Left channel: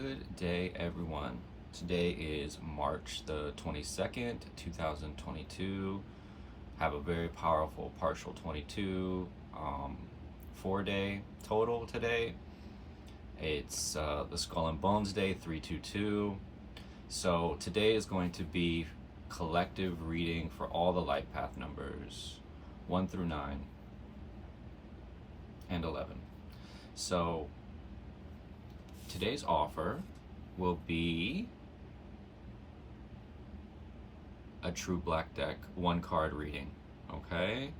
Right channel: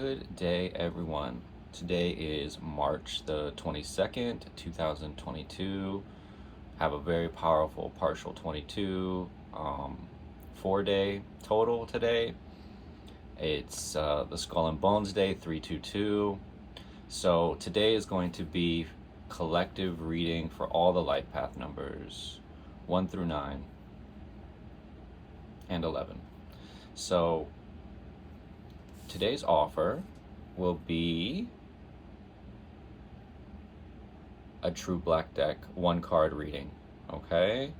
Good day, everyone. Today is March the 22nd, 2022. Have a very powerful partial 22 4-day total today. It's the Skull and Bones Day, 322. So today is going to be collective reading for all the life path numbers 1 through 9 and 11. So today's offer will be a true black deck, 1-card reading. Okay,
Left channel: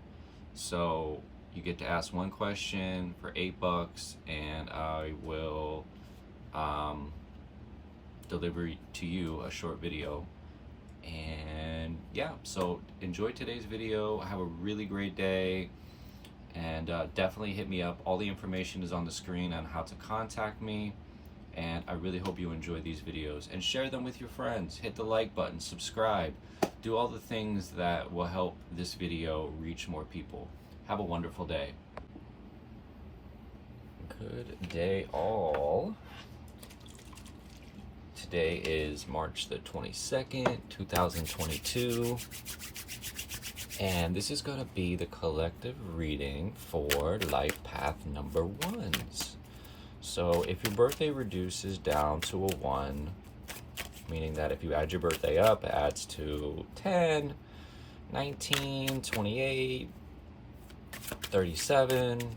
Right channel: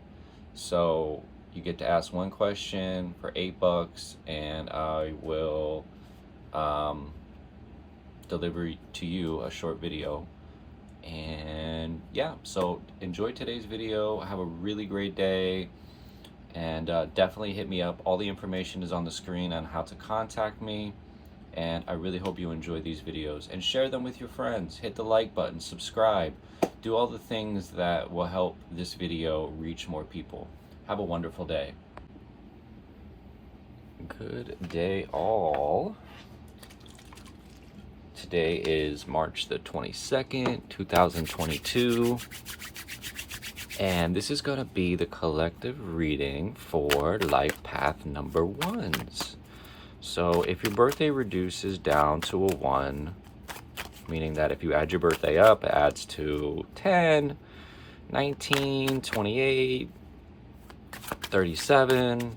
so you get to ask one question for $8, and I will deliver to you a short video. And yeah, so enjoy today's video. Have a really great day, and definitely hit me up. All the information is on the screen on how to contact me. And I really hope you enjoy these videos, and share them with your friends. Hit the like button, subscribe, do all the things that will help this video reach more people. Have a wonderful day. Good day, all. Today is March the 22nd, 2022. And this is going to be the collective reading for life path number 1s. So if your birthday reduces down to a 1, meaning that if you add your birthday up, it adds to 10, 19, 28, 37.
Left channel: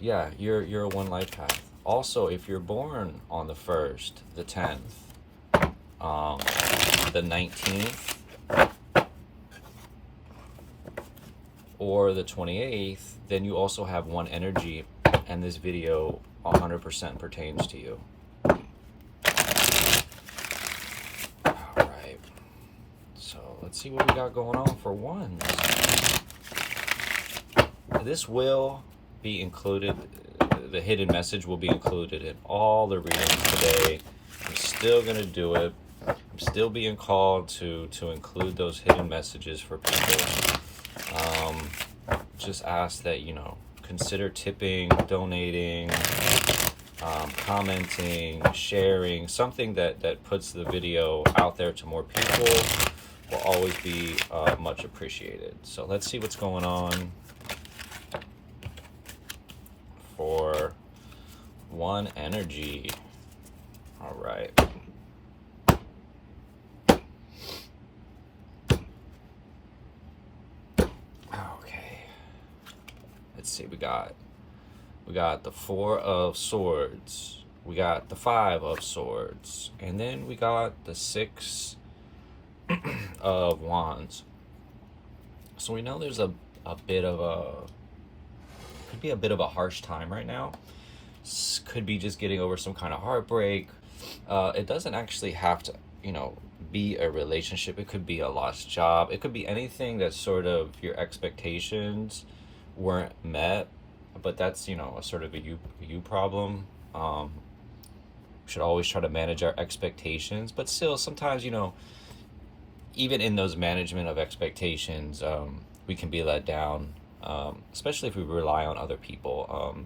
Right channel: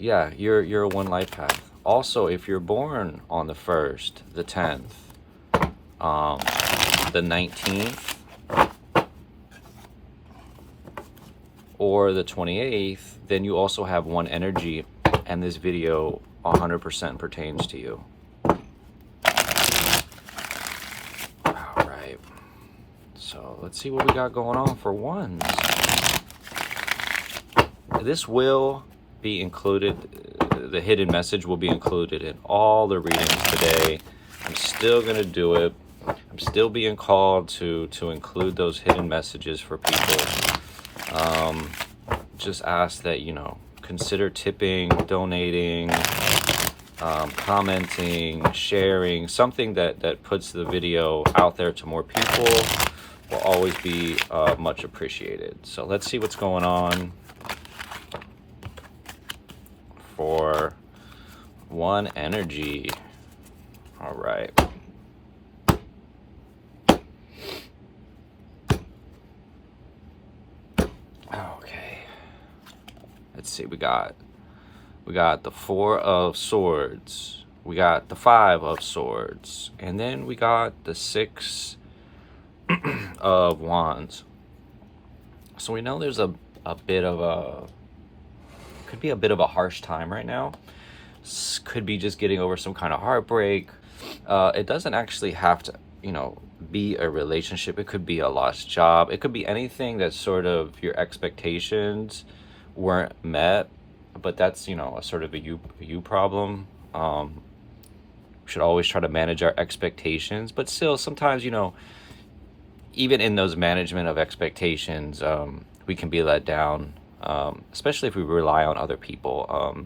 Yeah, you're a 1 life path. Also, if you're born on the 1st, the 10th, the 19th, or the 28th, then you also have 1 energy, and this video 100% pertains to you. Alright, so let's see what we got going on for 1s. This will be included, the hidden message will be included in all the readings today. I'm still going to do it. I'm still being called to include those hidden messages for people. Just ask that, consider tipping, donating, commenting, sharing. Something that puts the video out there to more people will always be much appreciated. So let's see what's going on for 1 energy. All right. Let's see, we got the 4 of Swords, we got the 5 of Swords, and then we got the 6 of Wands. So we know there's a bit of could be a bit of a harsh time right now. Could be just getting over some kind of heartbreak. It doesn't actually have to, be a relationship. It could be a lost job. It could be anything that sort of your expectations weren't met, but that's a sort of a you problem. We should always try to manage our expectations, but still sometimes even in those management of expectations, we can be let down, especially if we rely on other people.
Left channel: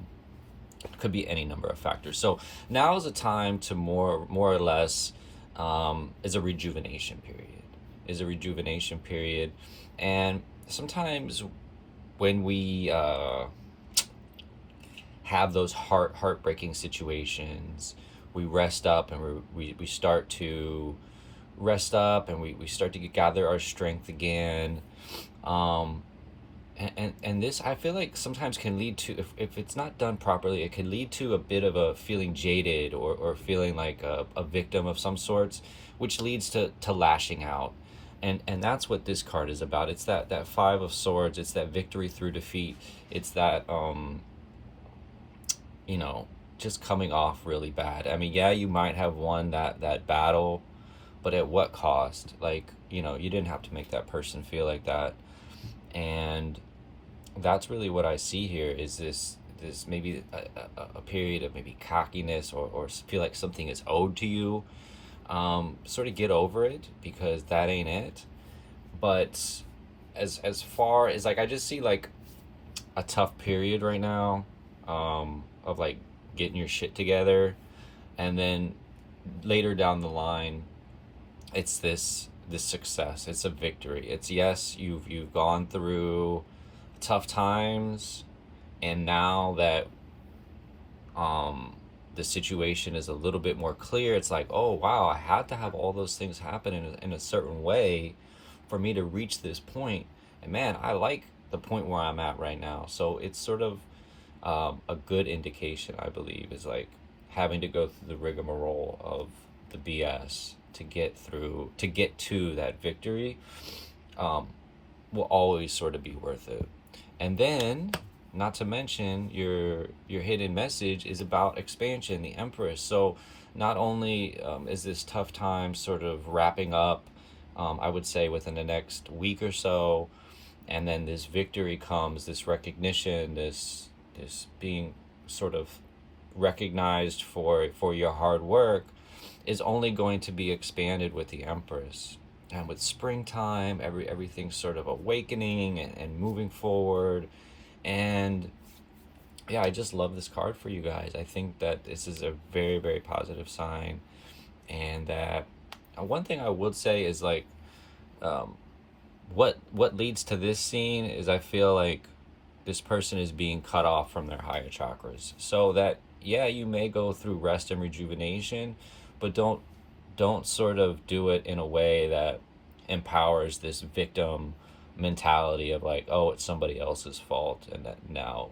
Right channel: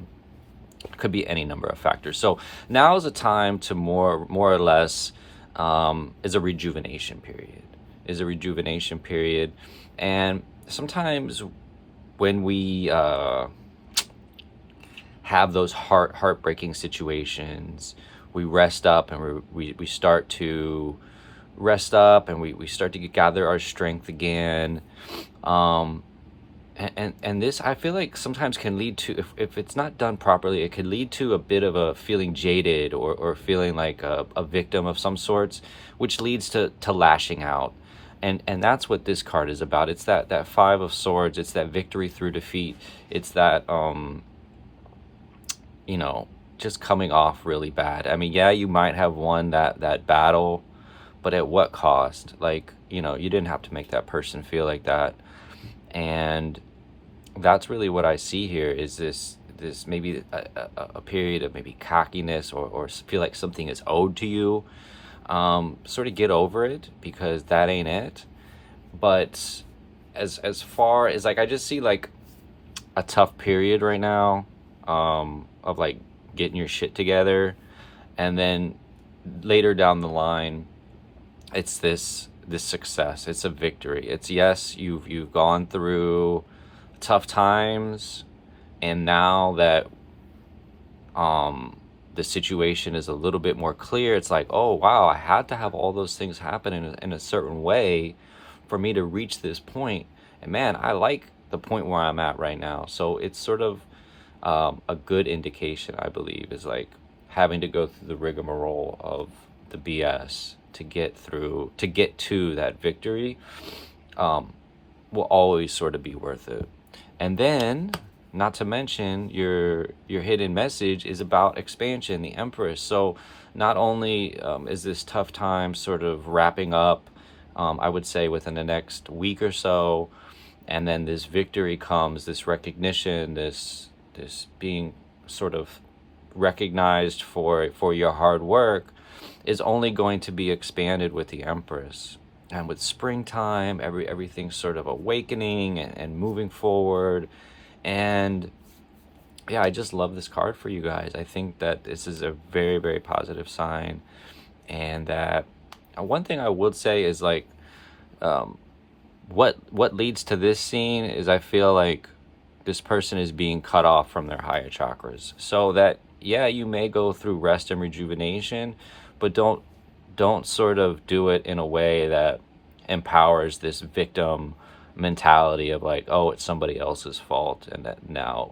It could be any number of factors. So now is a time to more or less is a rejuvenation period. And sometimes when we have those heartbreaking situations, we rest up, and we start to rest up, and we start to gather our strength again. And this, I feel like, sometimes can lead to, if it's not done properly, it could lead to a bit of a feeling jaded, or feeling like a victim of some sorts, which leads to lashing out. And that's what this card is about. It's that 5 of Swords. It's that victory through defeat. It's that, just coming off really bad. I mean, yeah, you might have won that battle, but at what cost? Like, you didn't have to make that person feel like that. And that's really what I see here, is this maybe a period of maybe cockiness, or feel like something is owed to you. Sort of get over it, because that ain't it. But as far as, like, I just see like a tough period right now, of like getting your shit together. and then later down the line, it's this success. It's a victory. It's, yes, you've gone through tough times, and now that the situation is a little bit more clear, it's like, oh wow, I had to have all those things happen in a certain way for me to reach this point. And man, I like the point where I'm at right now. So it's sort of a good indication, I believe, is like having to go through the rigmarole of the BS to get to that victory will always sort of be worth it. And then, not to mention, your hidden message is about expansion, the Empress. So not only is this tough time sort of wrapping up, I would say within the next week or so, and then this victory comes, this recognition, this being sort of recognized for your hard work, is only going to be expanded with the Empress. And with springtime, everything's sort of awakening and moving forward. And yeah, I just love this card for you guys. I think that this is a very, very positive sign. And that one thing I would say is like, what leads to this scene is, I feel like this person is being cut off from their higher chakras. So that, yeah, you may go through rest and rejuvenation, but don't sort of do it in a way that empowers this victim mentality of like, oh, it's somebody else's fault, and that now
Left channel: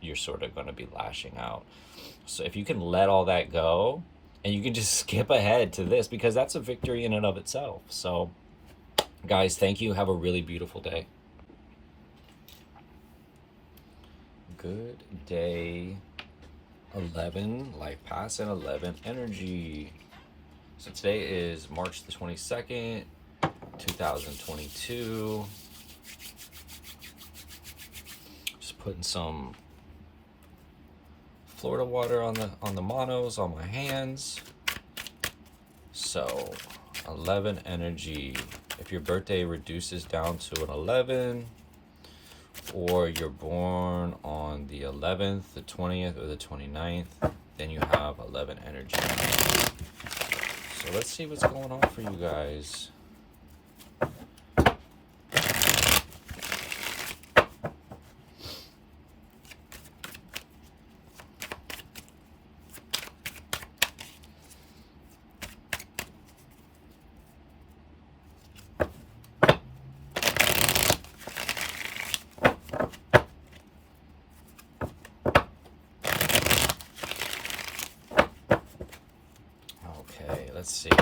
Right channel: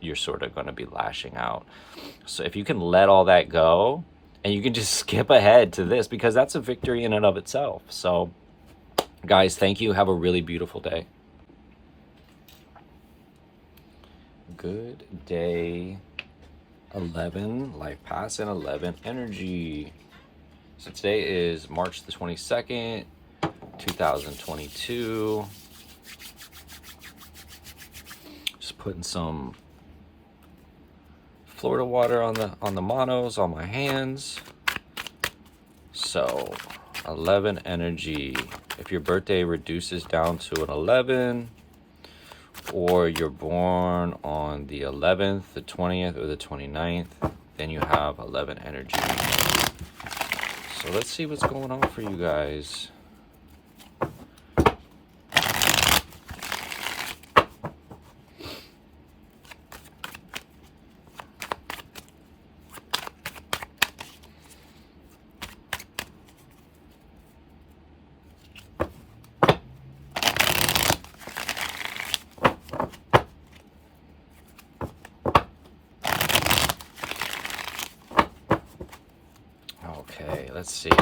you're sort of going to be lashing out. So if you can let all that go, and you can just skip ahead to this, because that's a victory in and of itself. So guys, thank you. Have a really beautiful day. Good day 11 LifePath's and 11 energy. So today is March the 22nd, 2022. Just putting some Florida water on the monos on my hands. So 11 energy. If your birthday reduces down to an 11, or you're born on the 11th, the 20th, or the 29th, then you have 11 energy. So let's see what's going on for you guys.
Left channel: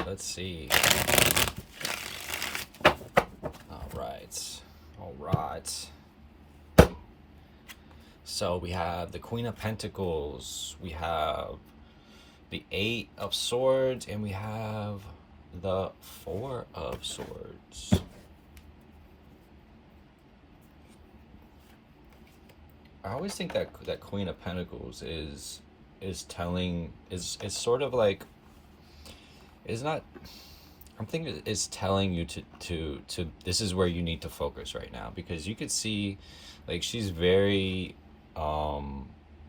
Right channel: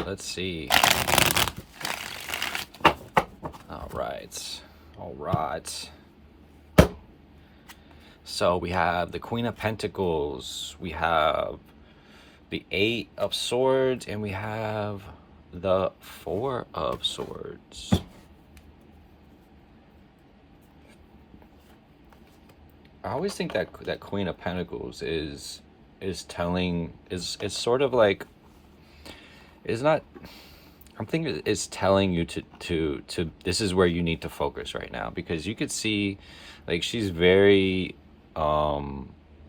Let's see. All right. So we have the Queen of Pentacles, we have the 8 of Swords, and we have the 4 of Swords. I always think that Queen of Pentacles is sort of like, is not, I'm thinking it's telling you to this is where you need to focus right now, because you could see like she's very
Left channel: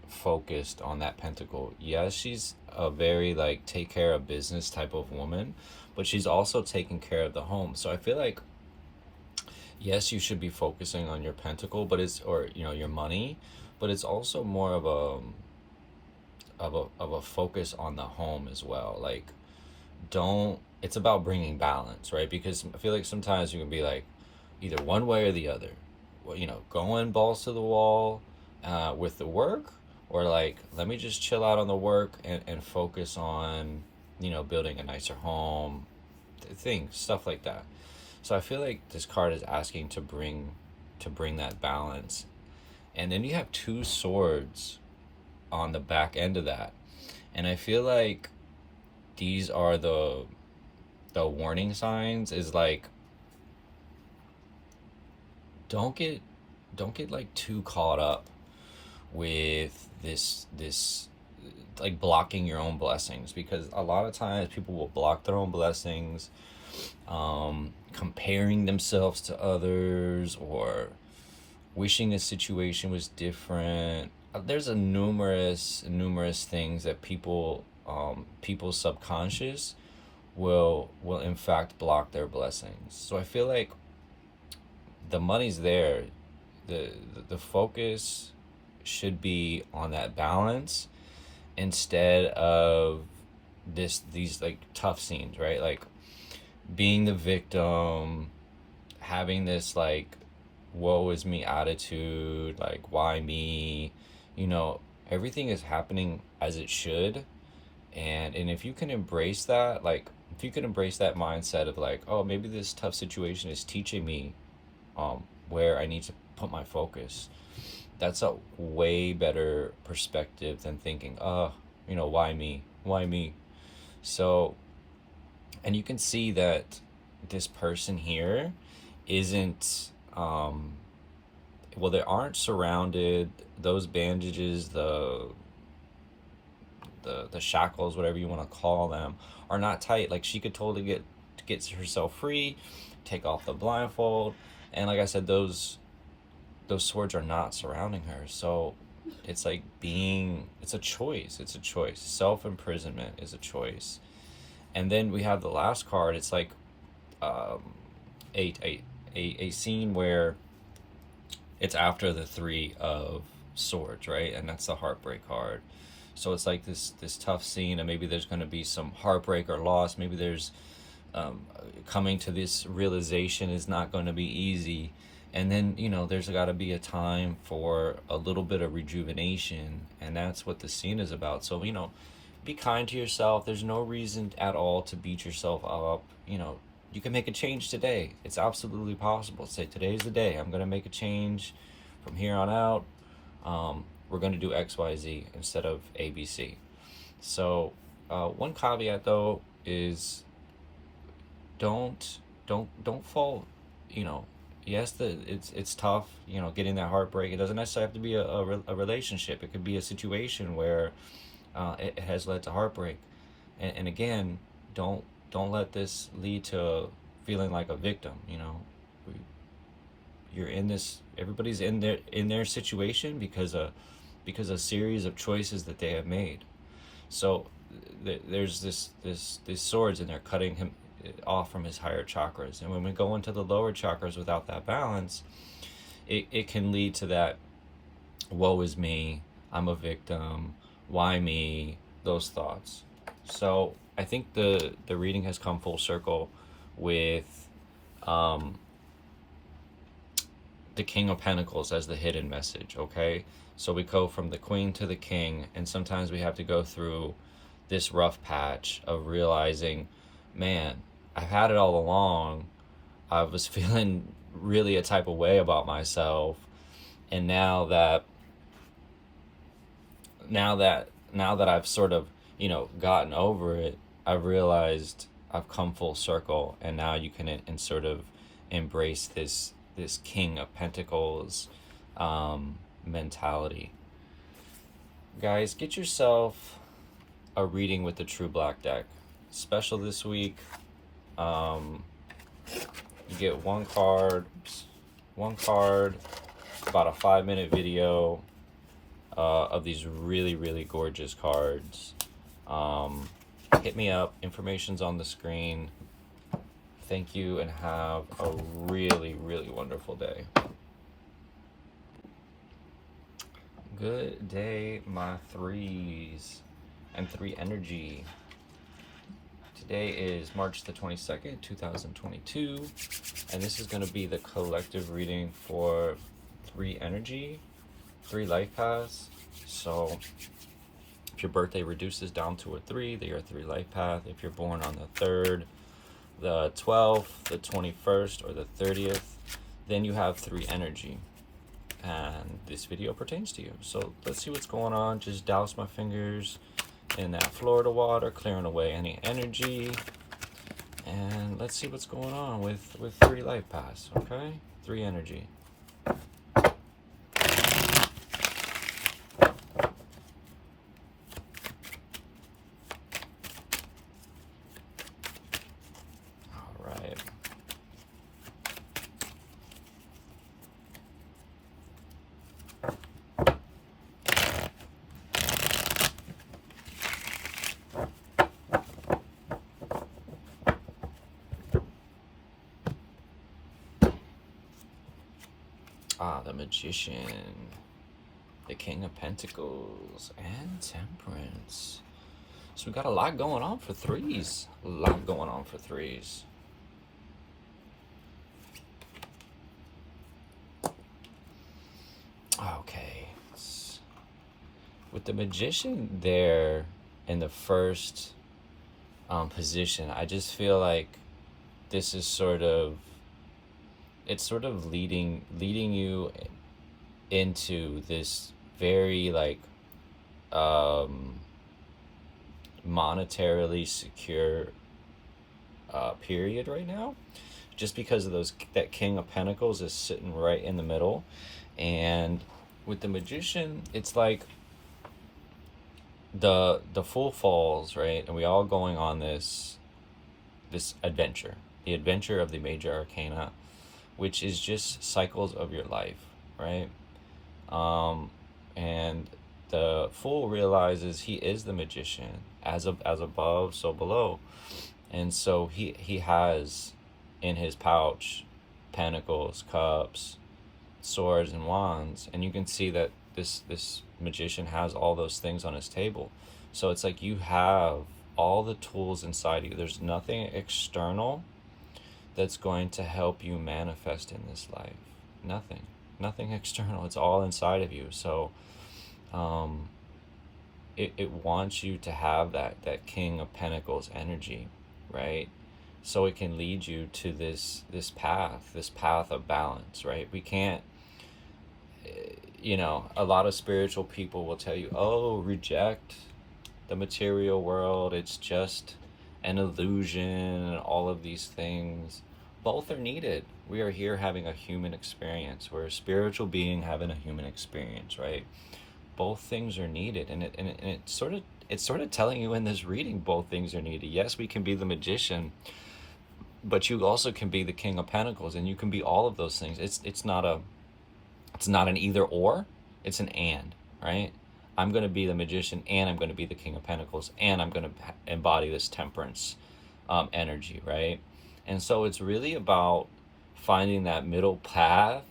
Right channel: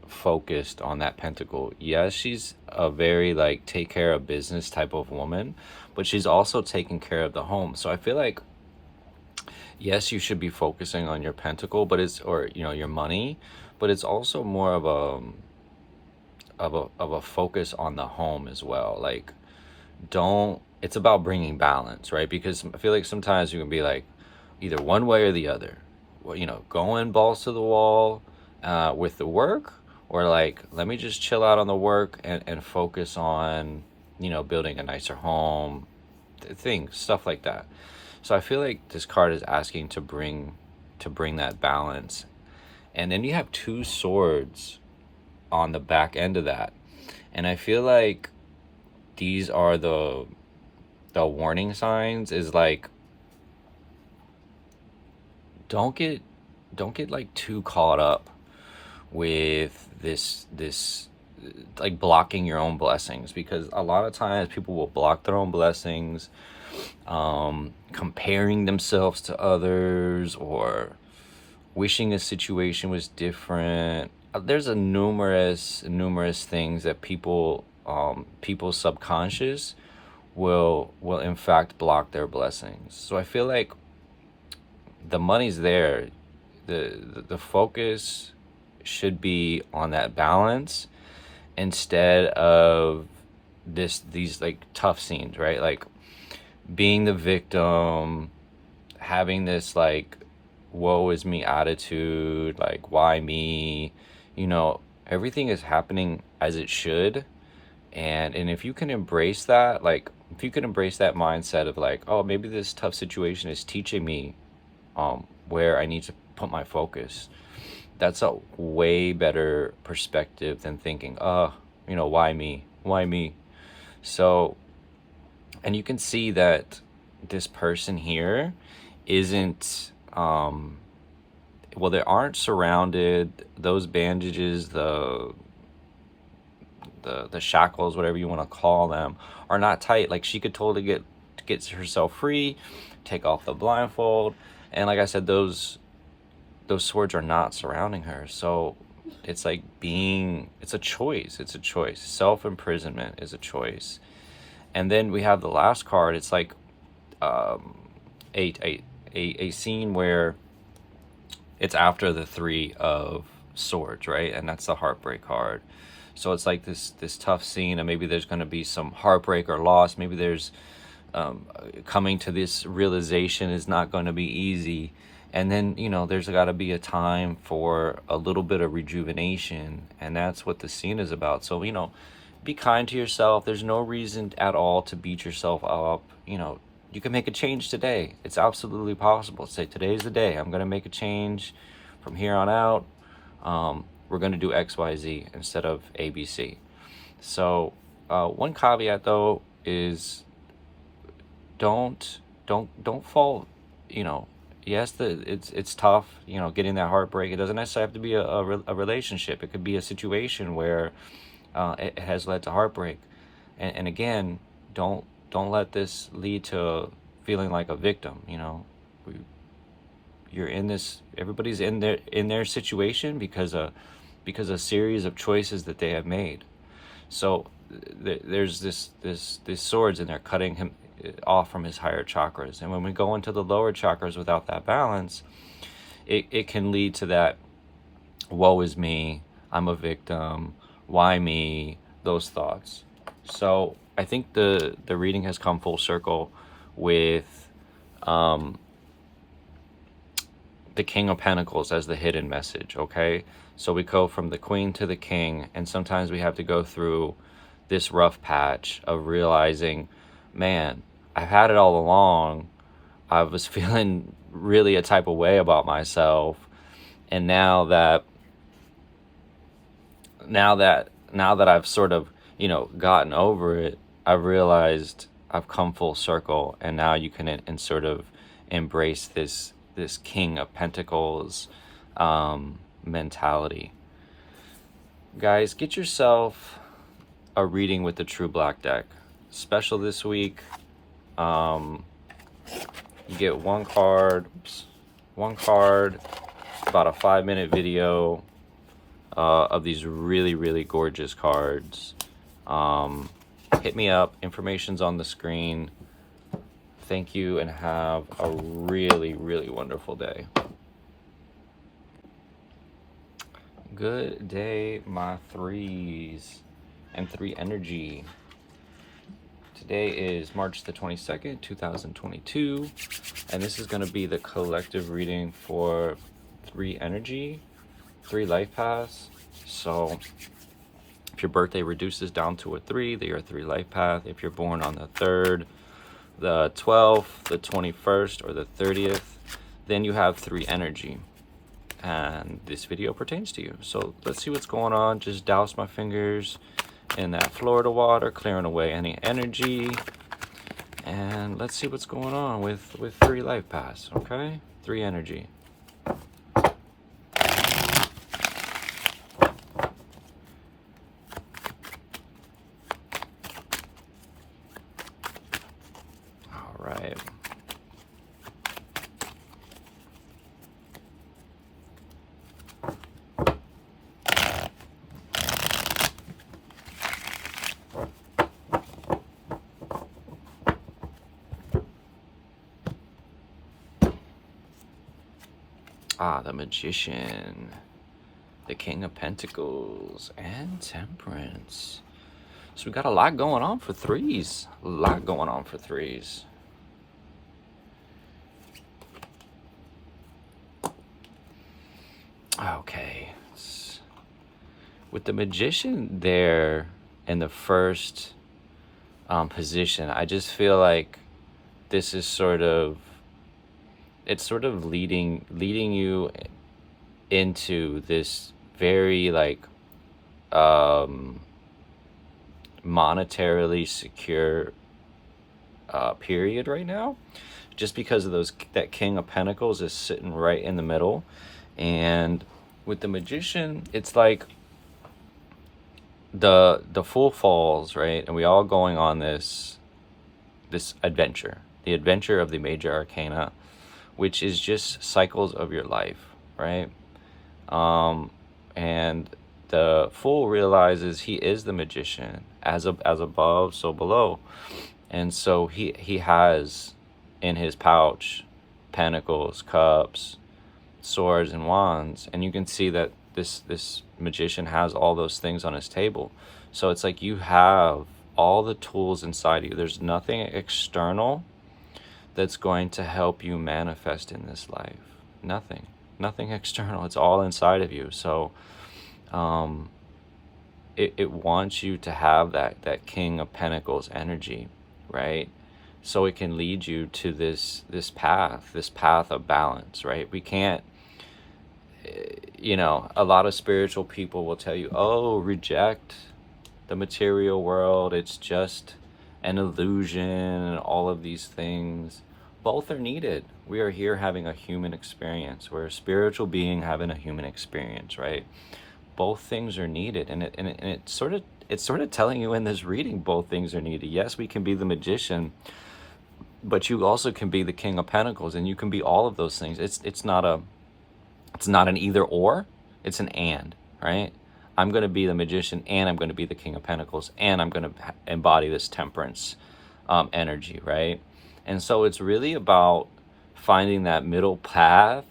focused on that pentacle. Yes, she's a very like take care of business type of woman, but she's also taking care of the home. So I feel like, yes, you should be focusing on your pentacle, but it's, or you know, your money, but it's also more of a focus on the home as well. Like, it's about bringing balance, right? Because I feel like sometimes you can be like either one way or the other, you know, going balls to the wall with the work, or like, let me just chill out on the work and focus on, you know, building a nicer home, stuff like that. So I feel like this card is asking to bring that balance. And then you have 2 swords on the back end of that, and I feel like these are the warning signs, is like, don't get like too caught up with this like blocking your own blessings, because a lot of times people will block their own blessings, comparing themselves to others, or wishing the situation was different. There's numerous things that people people's subconscious will in fact block their blessings. So I feel like the money's there. The focus should be on that balance instead of these like tough scenes, right? Like being the victim, having this like woe is me attitude, like why me, everything is happening as it should. And if you can embrace that, like if you can embrace that mindset of like, oh, maybe this tough situation is teaching me where I need to put my focus, that's a way better perspective than thinking, why me. So, and you can see that this person here isn't they aren't surrounded. Those bandages, the shackles, whatever you want to call them, are not tight. Like she could totally get herself free, take off the blindfold, and like I said, those swords are not surrounding her. So it's like it's a choice. Self-imprisonment is a choice. And then we have the last card. It's like a scene where it's after the 3 of Swords, right? And that's the heartbreak card. So it's like this tough scene, and maybe there's going to be some heartbreak or loss. Maybe there's coming to this realization is not going to be easy. And then, there's got to be a time for a little bit of rejuvenation. And that's what the scene is about. So, be kind to yourself. There's no reason at all to beat yourself up. You can make a change today. It's absolutely possible. Say, today's the day. I'm going to make a change from here on out. We're going to do X, Y, Z instead of A, B, C. So one caveat though is don't fall, yes, it's tough, getting that heartbreak. It doesn't necessarily have to be a relationship. It could be a situation where it has led to heartbreak. And again, don't let this lead to feeling like a victim. You're in this, everybody's in their situation because a series of choices that they have made. So there's this swords, and they're cutting him off from his higher chakras. And when we go into the lower chakras without that balance, it can lead to that woe is me, I'm a victim, why me, those thoughts. So I think the reading has come full circle with the King of Pentacles as the hidden message, okay? So we go from the Queen to the King, and sometimes we have to go through this rough patch of realizing, man, I've had it all along. I was feeling really a type of way about myself, and now that I've sort of, gotten over it, I've realized I've come full circle, and now you can sort of embrace this King of Pentacles mentality. Guys, get yourself a reading with the True Black deck. Special this week. You get one card, about a 5-minute video of these really, really gorgeous cards. Hit me up. Information's on the screen. Thank you, and have a really, really wonderful day. Good day, my threes and 3 energy. Today is March the 22nd, 2022, and this is going to be the collective reading for 3 energy, 3 life paths. So if your birthday reduces down to a 3, then you're a 3 life path. If you're born on the 3rd, the 12th, the 21st, or the 30th, then you have 3 energy. And this video pertains to you. So let's see what's going on. Just douse my fingers in that Florida water, clearing away any energy. And let's see what's going on with 3 life paths, okay? 3 energy. The Magician, the King of Pentacles, and Temperance. So we got a lot going on for threes. A lot going on for threes. Okay. With the Magician there in the first position, I just feel like this is sort of leading you into this very like monetarily secure period right now, just because of that King of Pentacles is sitting right in the middle. And with the Magician, it's like the Fool falls, right? And we all going on this adventure, the adventure of the major arcana, which is just cycles of your life, right? And the Fool realizes he is the Magician, as above, so below. And so he has in his pouch pentacles, cups, swords, and wands. And you can see that this Magician has all those things on his table. So it's like you have all the tools inside you. There's nothing external that's going to help you manifest in this life. Nothing external. It's all inside of you. So it wants you to have that King of Pentacles energy, right? So it can lead you to this path of balance, right? We can't, a lot of spiritual people will tell you, oh, reject the material world, it's just an illusion, and all of these things. Both are needed. We are here having a human experience. We're a spiritual being having a human experience, right? Both things are needed, and it's sort of telling you in this reading, both things are needed. Yes, we can be the Magician, but you also can be the King of Pentacles, and you can be all of those things. It's not an either or, it's an and, right? I'm going to be the Magician, and I'm going to be the King of Pentacles, and I'm going to embody this Temperance energy, right? And so it's really about finding that middle path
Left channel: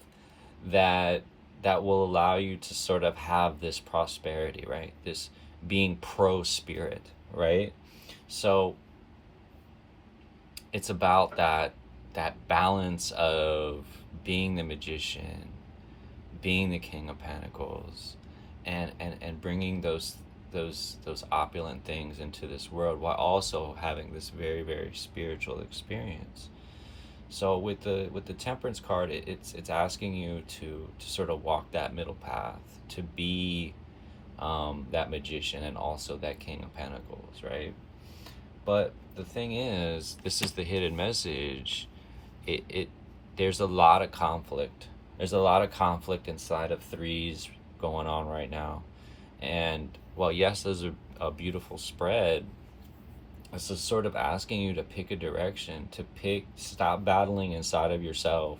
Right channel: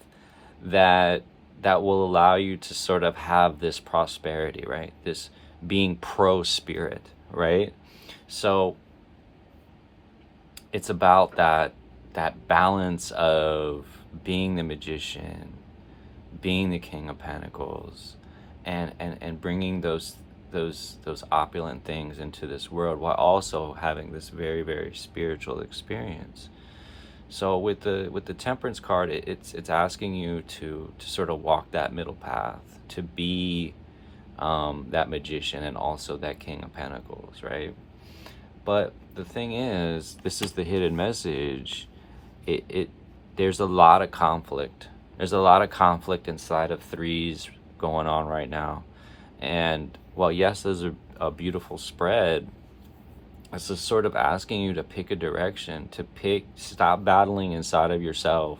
that will allow you to sort of have this prosperity, right? This being pro-spirit, right? So it's about that balance of being the Magician, being the King of Pentacles, and bringing those opulent things into this world, while also having this very, very spiritual experience. So with the Temperance card, it's asking you to sort of walk that middle path, to be that Magician and also that King of Pentacles, right? But the thing is, this is the hidden message. There's a lot of conflict. There's a lot of conflict inside of threes going on right now. And while yes, there's a beautiful spread, it's just sort of asking you to pick a direction, stop battling inside of yourself.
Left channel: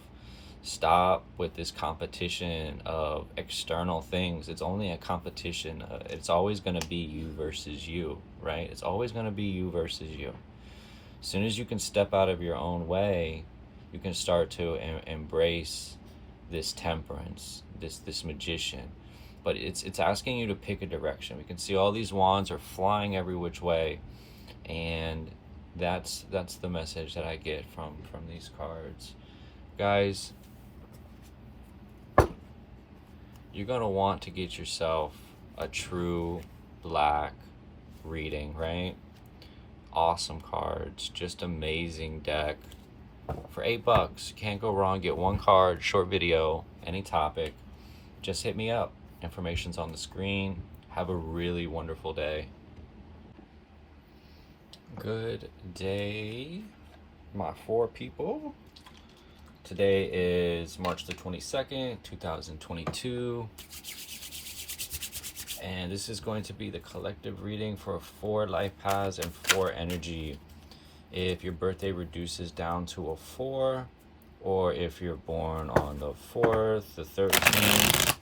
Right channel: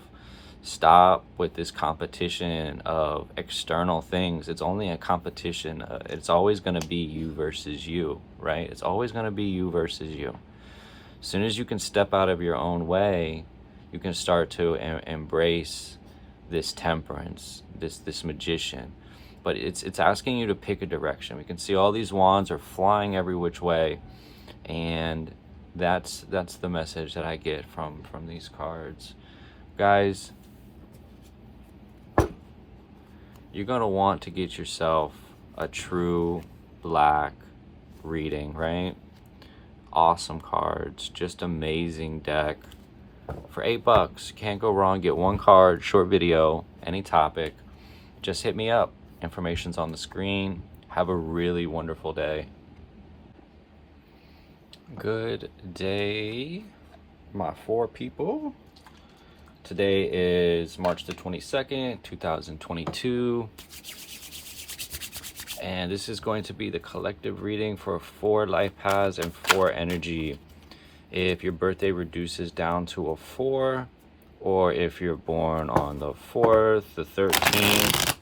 Stop with this competition of external things. It's only a competition. It's always going to be you versus you, right? It's always going to be you versus you. As soon as you can step out of your own way, you can start to embrace this Temperance, this Magician. But it's asking you to pick a direction. We can see all these wands are flying every which way, and that's the message that I get from these cards. Guys, you're gonna want to get yourself a true black reading, right? Awesome cards, just amazing deck. For $8, can't go wrong. Get one card, short video, any topic. Just hit me up. Information's on the screen. Have a really wonderful day. Good day, my four people. Today is March the 22nd, 2022. And this is going to be the collective reading for 4 life paths and 4 energy. If your birthday reduces down to a 4, or if you're born on the 4th, the 13th,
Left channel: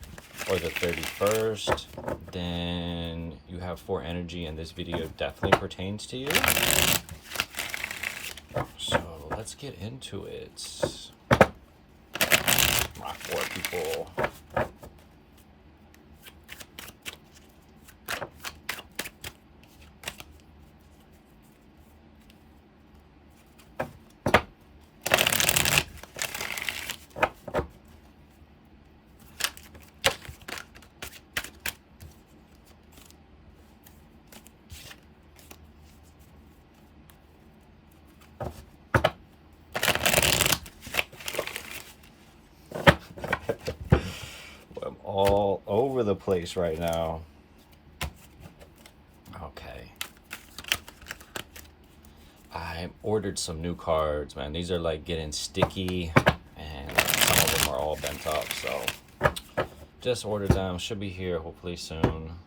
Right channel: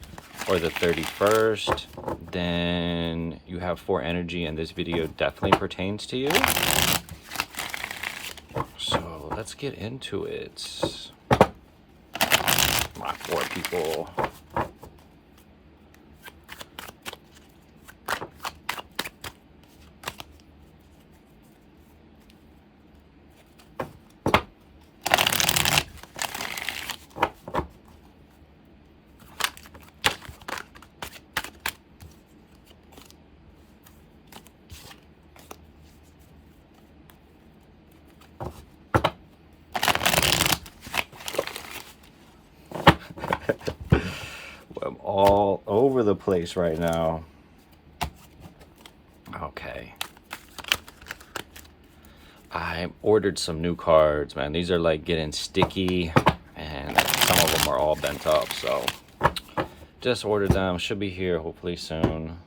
or the 31st, then you have 4 energy, and this video definitely pertains to you. So let's get into it. My for people. I'm all over the place right now. Okay. I ordered some new cards, man. These are like getting sticky, and some of them are all bent up, so just ordered them. Should be here hopefully soon.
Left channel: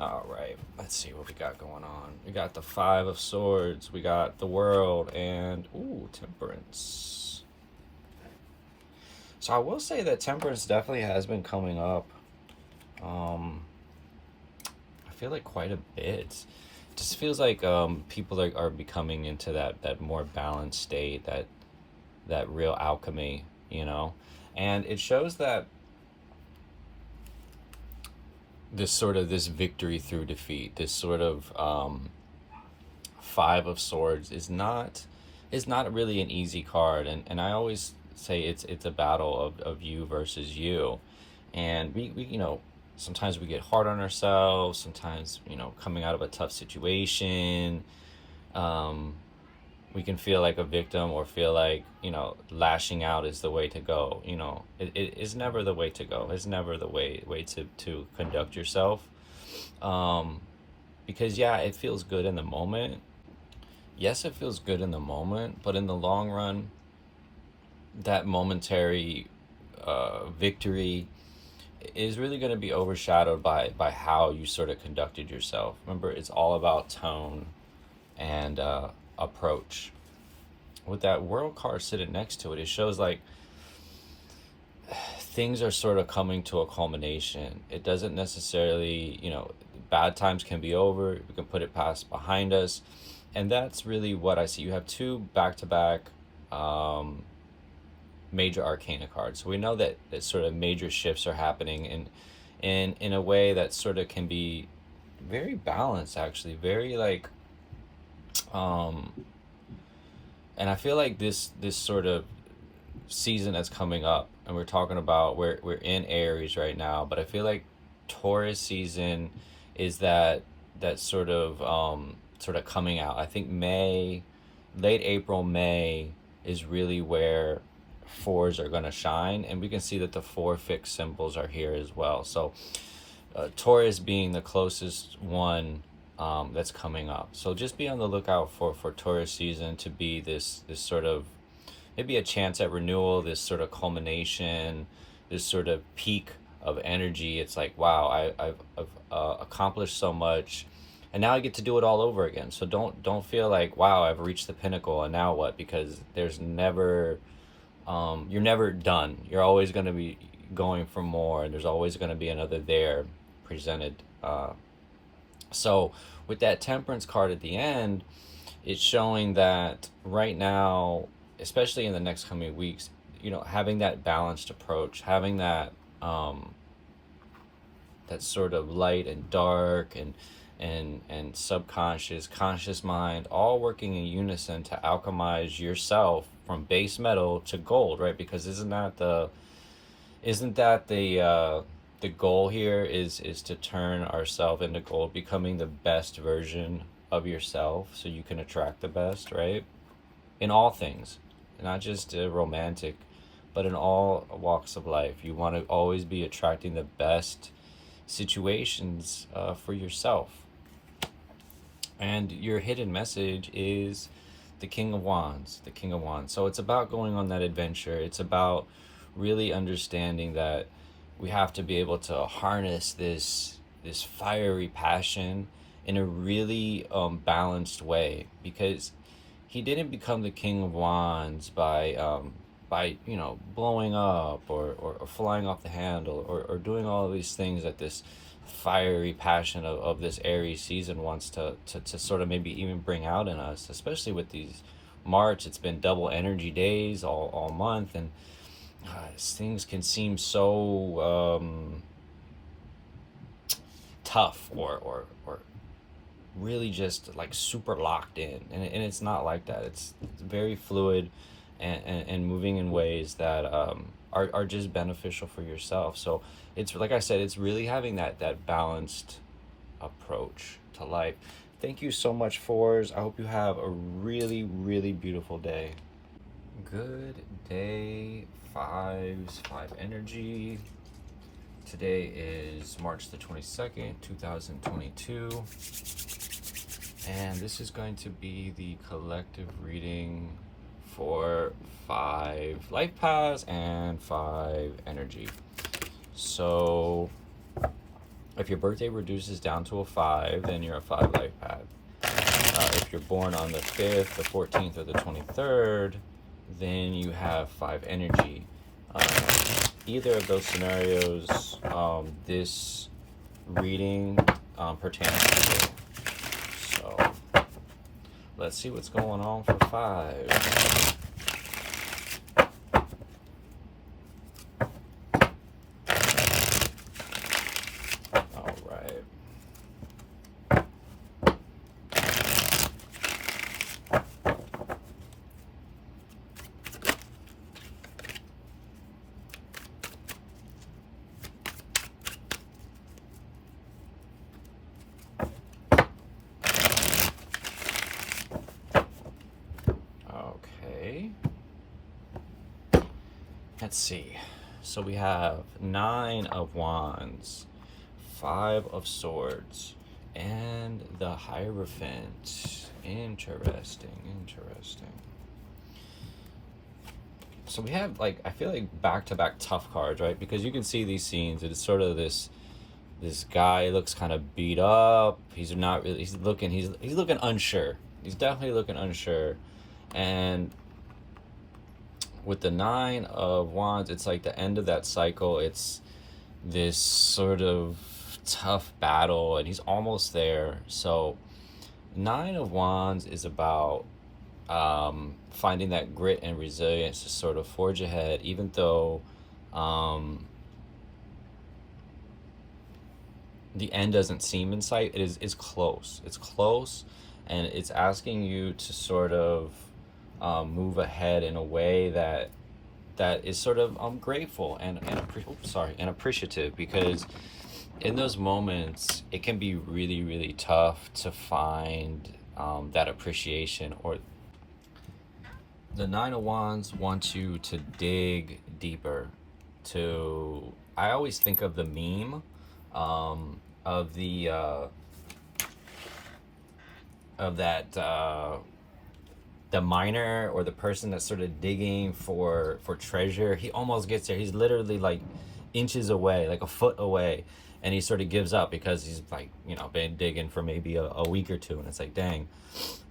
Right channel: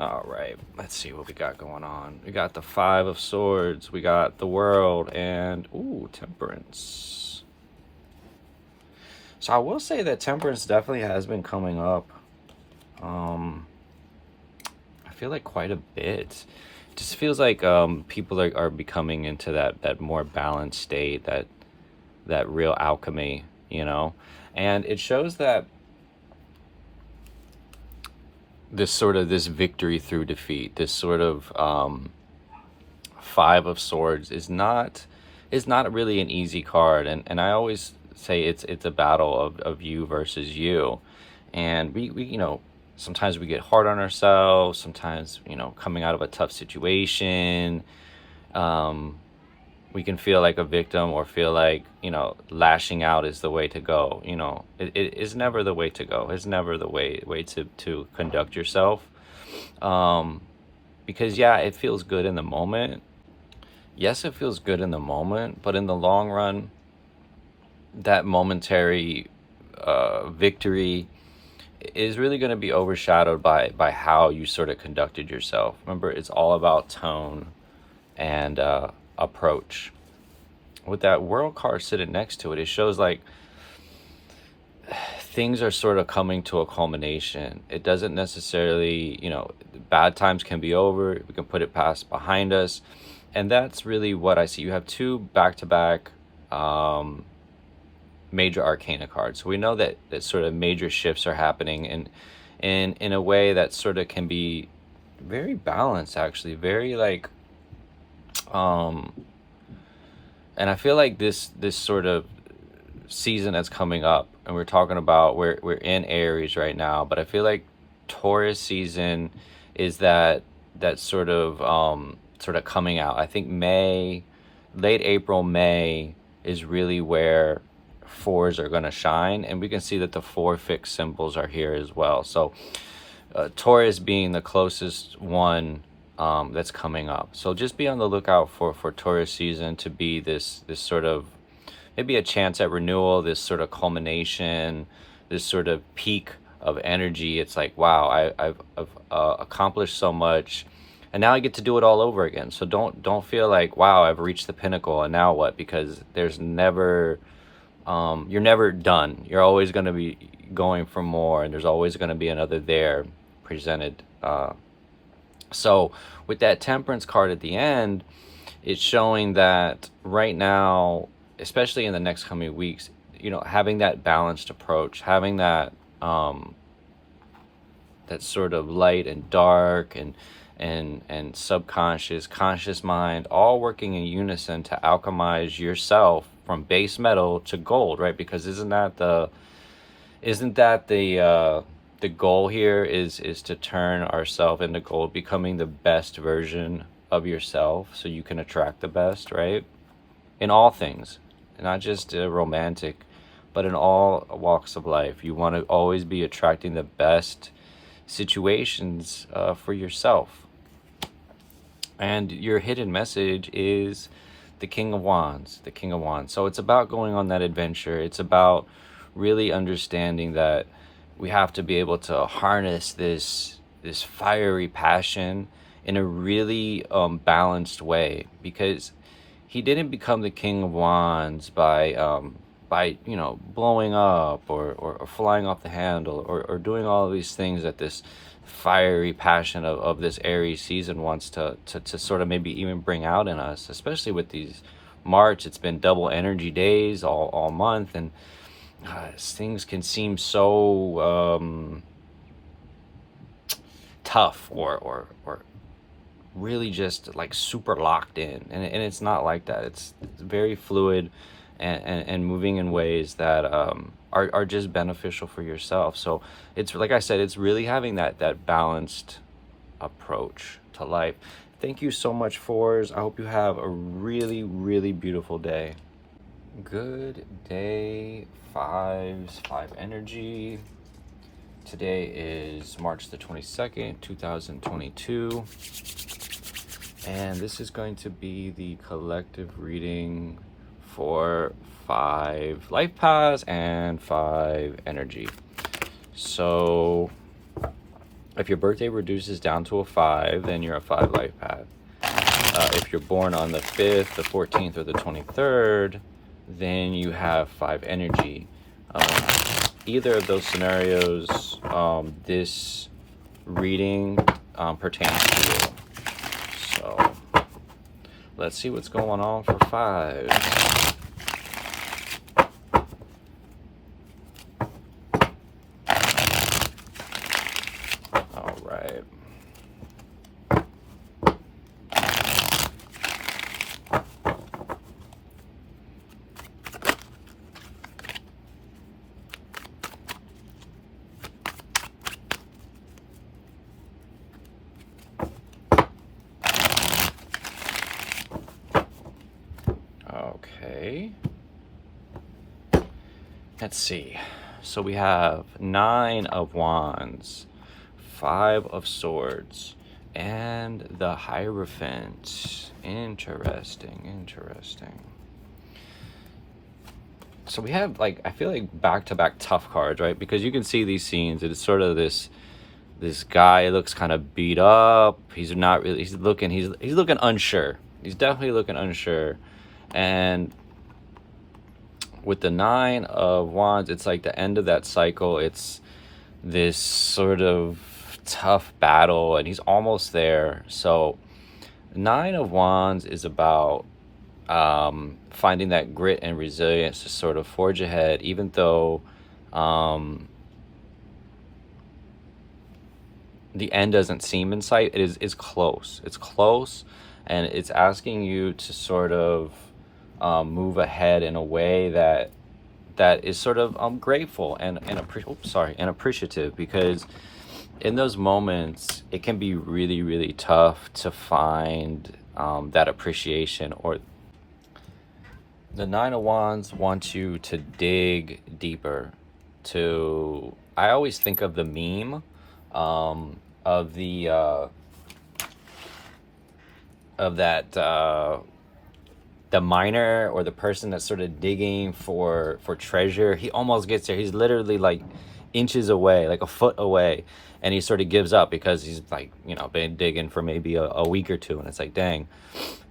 All right, let's see what we got going on. We got the 5 of Swords, we got the World, and ooh, Temperance. So I will say that Temperance definitely has been coming up. I feel like quite a bit. It just feels like people are becoming into that more balanced state, that real alchemy, you know? And it shows that this victory through defeat, this sort of 5 of Swords is not really an easy card, and I always say it's a battle of you versus you, and we you know, sometimes we get hard on ourselves, sometimes, you know, coming out of a tough situation, we can feel like a victim or feel like, you know, lashing out is the way to go. You know, it is never the way to go. It's never the way to conduct yourself. Because yeah, it feels good in the moment. Yes, it feels good in the moment, but in the long run, that momentary victory is really going to be overshadowed by how you sort of conducted yourself. Remember, it's all about tone and approach. With that World card sitting next to it, it shows like things are sort of coming to a culmination. It doesn't necessarily, you know, bad times can be over, we can put it past behind us, and that's really what I see. You have 2 back-to-back major arcana cards, so we know that sort of major shifts are happening, and in a way that sort of can be very balanced, actually, very like and I feel like this sort of season that's coming up, and we're talking about we're in Aries right now, but I feel like Taurus season is that sort of coming out. I think May, late April, May is really where 4s are going to shine, and we can see that the 4 fixed symbols are here as well. So Taurus being the closest one that's coming up. So just be on the lookout for Taurus season to be this sort of maybe a chance at renewal, this sort of culmination, this sort of peak of energy. It's like, wow, I've accomplished so much, and now I get to do it all over again. So don't feel like, wow, I've reached the pinnacle and now what? Because there's never you're never done. You're always going to be going for more, and there's always going to be another there presented. So with that Temperance card at the end, it's showing that right now, especially in the next coming weeks, you know, having that balanced approach, having that that sort of light and dark and subconscious, conscious mind, all working in unison to alchemize yourself from base metal to gold, right? Because isn't that the goal here is to turn ourselves into gold, becoming the best version of yourself so you can attract the best, right? In all things, not just romantic, but in all walks of life. You want to always be attracting the best situations for yourself. And your hidden message is the King of Wands, the King of Wands. So it's about going on that adventure. It's about really understanding that we have to be able to harness this fiery passion in a really balanced way, because he didn't become the King of Wands by you know, blowing up or flying off the handle or doing all of these things that this fiery passion of this Aries season wants to sort of maybe even bring out in us, especially with these March, it's been double energy days all month, and things can seem so tough or really just like super locked in, and it's not like that. It's very fluid and moving in ways that are just beneficial for yourself. So it's, like I said, it's really having that balanced approach to life. Thank you so much, fours. I hope you have a really, really beautiful day. Good day, fives, five energy. Today is March the 22nd, 2022. And this is going to be the collective reading for 5 life paths and 5 energy. So if your birthday reduces down to a 5, then you're a 5 life path. If you're born on the 5th, the 14th, or the 23rd, then you have 5 energy. Either of those scenarios, this reading pertains to you. So let's see what's going on for 5. All right. Okay. Let's see. So we have 9 of Wands, 5 of Swords, and the Hierophant. Interesting. So we have, like, I feel like back-to-back tough cards, right? Because you can see these scenes. It's sort of this guy looks kind of beat up. He's not really. He's looking unsure. He's definitely looking unsure. And with the 9 of Wands, it's like the end of that cycle. It's this sort of tough battle, and he's almost there. So 9 of Wands is about finding that grit and resilience to sort of forge ahead, even though the end doesn't seem in sight. It is close. It's close, and it's asking you to sort of move ahead in a way that is sort of grateful and appreciative, because in those moments it can be really, really tough to find that appreciation. Or the 9 of Wands wants you to dig deeper. I always think of the meme of the miner, or the person that's sort of digging for treasure. He almost gets there. He's literally like inches away, like a foot away, and he sort of gives up because he's like, been digging for maybe a week or two, and it's like, dang,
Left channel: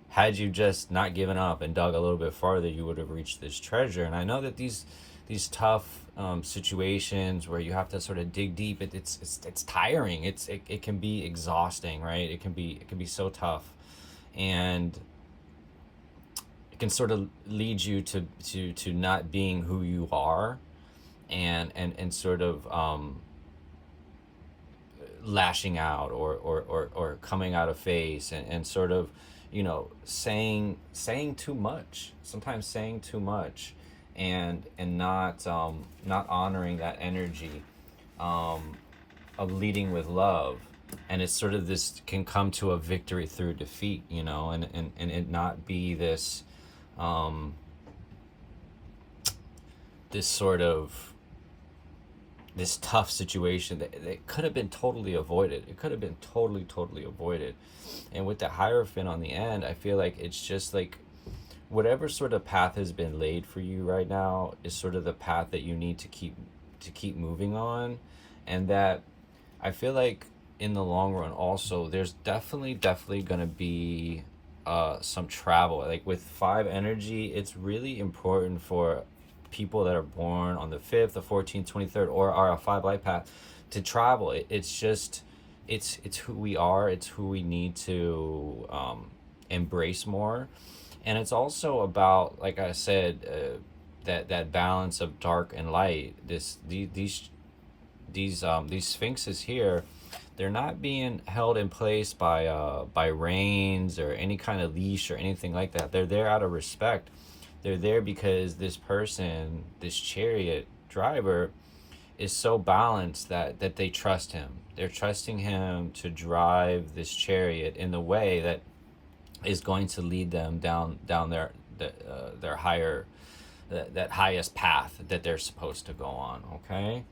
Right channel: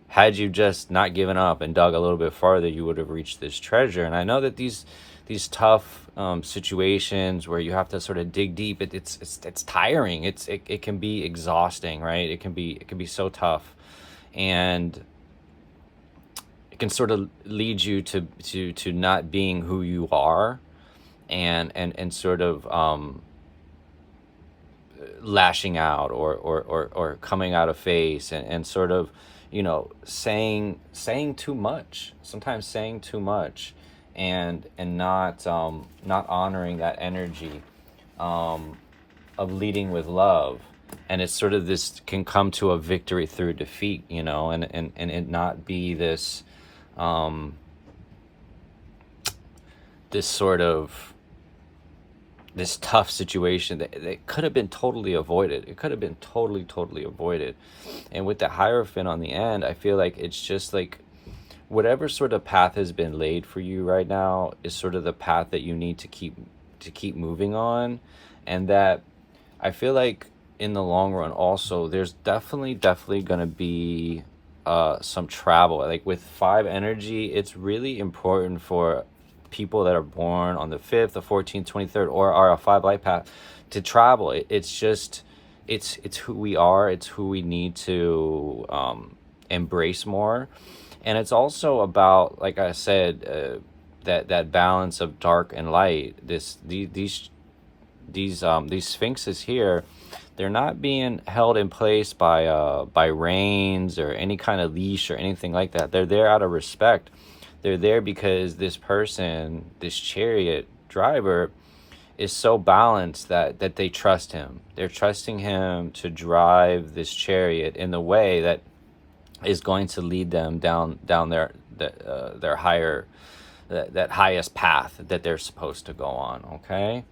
had you just not given up and dug a little bit farther, you would have reached this treasure. And I know that these tough situations where you have to sort of dig deep, it's tiring. It can be exhausting, right? It can be so tough, and it can sort of lead you to not being who you are, and sort of lashing out or coming out of face, and sort of saying too much, sometimes saying too much, and not honoring that energy of leading with love. And it's sort of, this can come to a victory through defeat, and it not be this this tough situation that could have been totally avoided. It could have been totally avoided. And with the Hierophant on the end, I feel like it's just like whatever sort of path has been laid for you right now is sort of the path that you need to keep moving on. And that, I feel like in the long run also, there's definitely going to be some travel. Like with 5 energy, it's really important for people that are born on the 5th, the 14th, 23rd, or are a 5 life path to travel. It's just, it's who we are. It's who we need to embrace more. And it's also about, like I said, that balance of dark and light. These sphinxes here, they're not being held in place by reins or any kind of leash or anything like that. They're there out of respect. They're there because this person, this chariot driver, is so balanced that they trust him. They're trusting him to drive this chariot in the way that is going to lead them down their higher, that highest path that they're supposed to go on. Okay,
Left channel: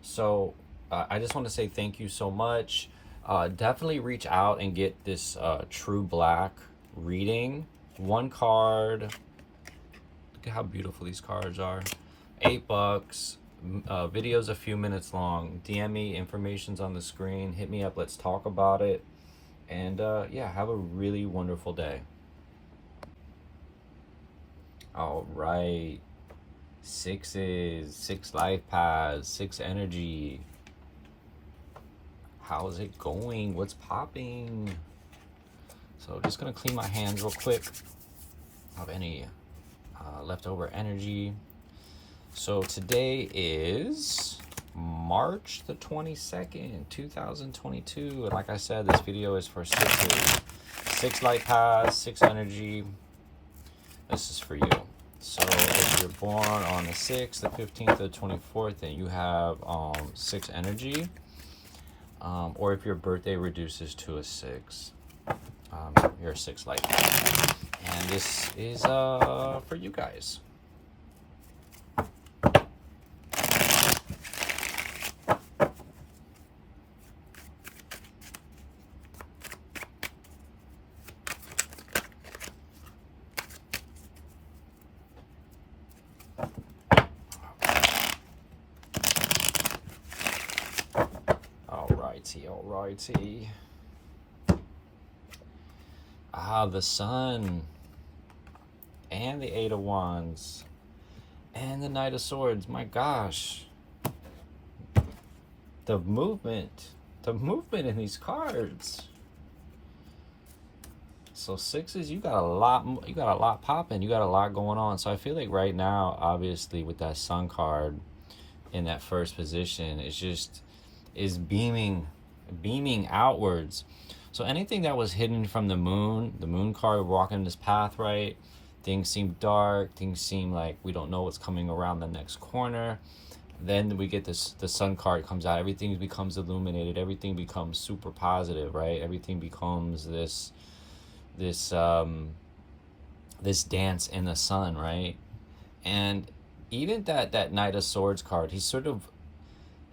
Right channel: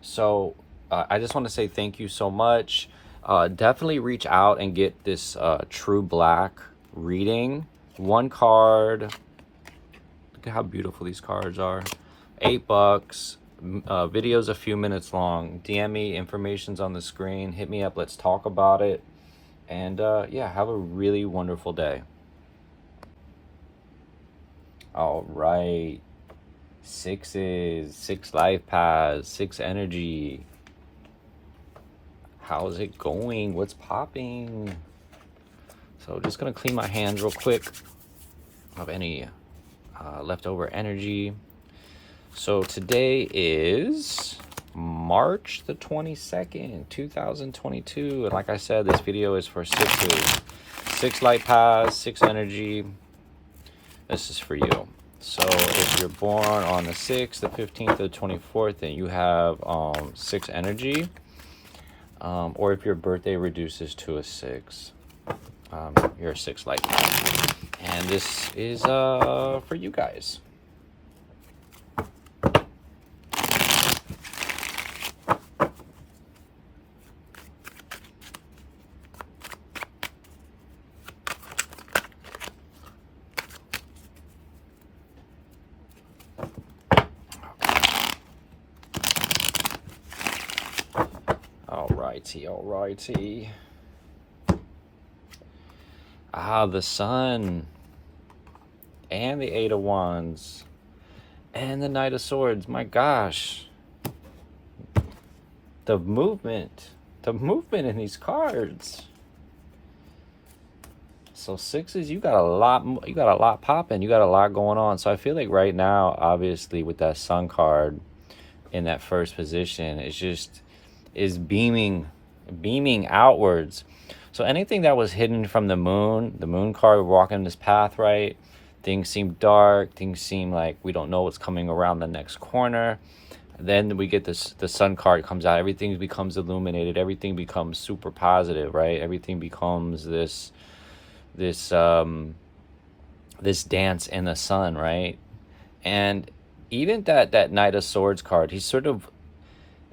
so I just want to say thank you so much. Definitely reach out and get this True Black reading. One card. Look at how beautiful these cards are. $8. Video's a few minutes long. DM me, information's on the screen. Hit me up, let's talk about it. And yeah, have a really wonderful day. All right, 6s, 6 LifePath's, 6 energy. How's it going? What's popping? So just gonna clean my hands real quick of any leftover energy. So today is March the 22nd, 2022. And like I said, this video is for 6s. 6 LifePath's, 6 energy. This is for you. So if you're born on the 6th, the 15th, the 24th, and you have 6 energy, or if your birthday reduces to a 6, you're a 6 LifePath. And this is for you guys. Alrighty. The Sun and the 8 of Wands and the Knight of Swords. My gosh, the movement in these cards. So 6s, you got a lot popping, you got a lot going on. So I feel like right now, obviously with that Sun card in that first position, is beaming outwards. So anything that was hidden from the moon card, we're walking this path, right? Things seem dark, things seem like we don't know what's coming around the next corner. Then we get this, the Sun card comes out, everything becomes illuminated, everything becomes super positive, right? Everything becomes this dance in the sun, right? And even that Knight of Swords card, he's sort of,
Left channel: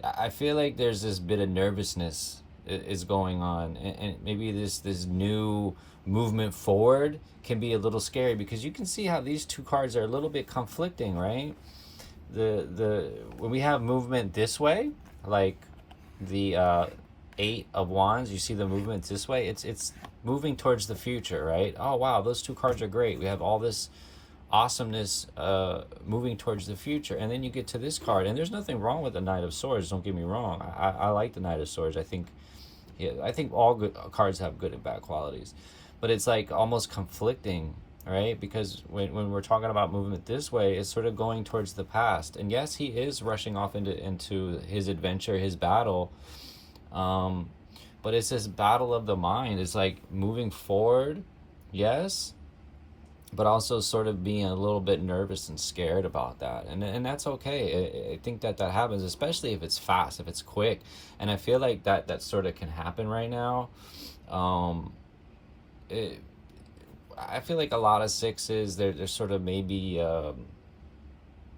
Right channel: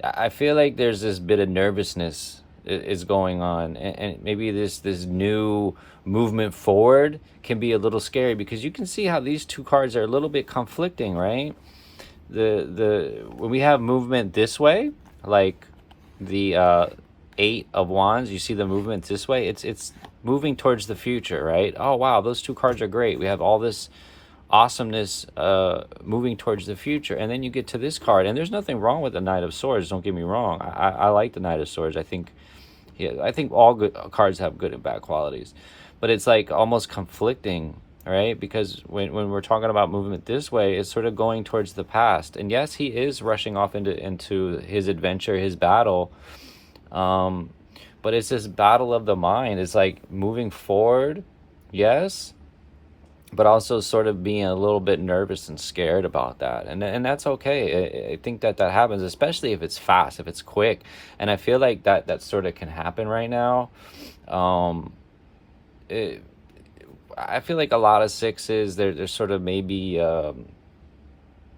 I feel like there's this bit of nervousness is going on, and maybe this new movement forward can be a little scary, because you can see how these two cards are a little bit conflicting, right? When we have movement this way, like the 8 of Wands, you see the movement this way, it's moving towards the future, right? Oh wow, those two cards are great. We have all this awesomeness moving towards the future. And then you get to this card, and there's nothing wrong with the Knight of Swords, don't get me wrong. I like the Knight of Swords. I think all good cards have good and bad qualities, but it's like almost conflicting, right? Because when we're talking about movement this way, it's sort of going towards the past. And yes, he is rushing off into his adventure, his battle, but it's this battle of the mind. It's like moving forward, yes, but also sort of being a little bit nervous and scared about that. And that's okay. I think that happens, especially if it's fast, if it's quick. And I feel like that sort of can happen right now. I feel like a lot of 6s, they're sort of maybe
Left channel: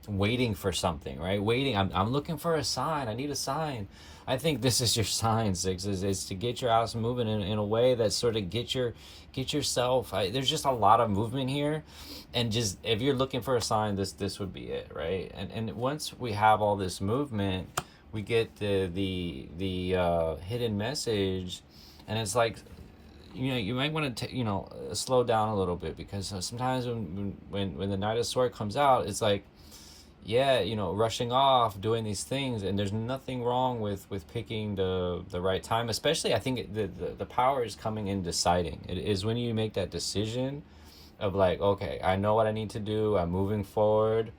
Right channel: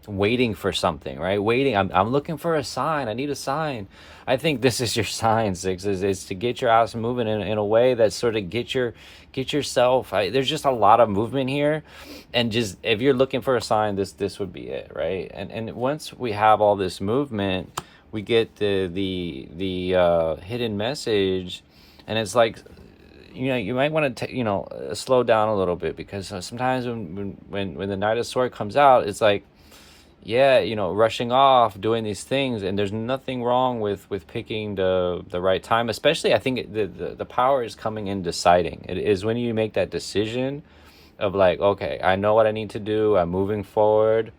waiting for something, right? I'm looking for a sign. I need a sign. I think this is your sign, 6s, is to get your ass moving in a way that sort of get yourself. There's just a lot of movement here, and just if you're looking for a sign, this would be it, right? And once we have all this movement, we get the hidden message, and it's like, you might want to slow down a little bit, because sometimes when the Knight of Swords comes out, it's like, yeah, rushing off, doing these things, and there's nothing wrong with picking the right time. Especially, I think the power is coming in deciding. It is when you make that decision of like, okay, I know what I need to do, I'm moving forward.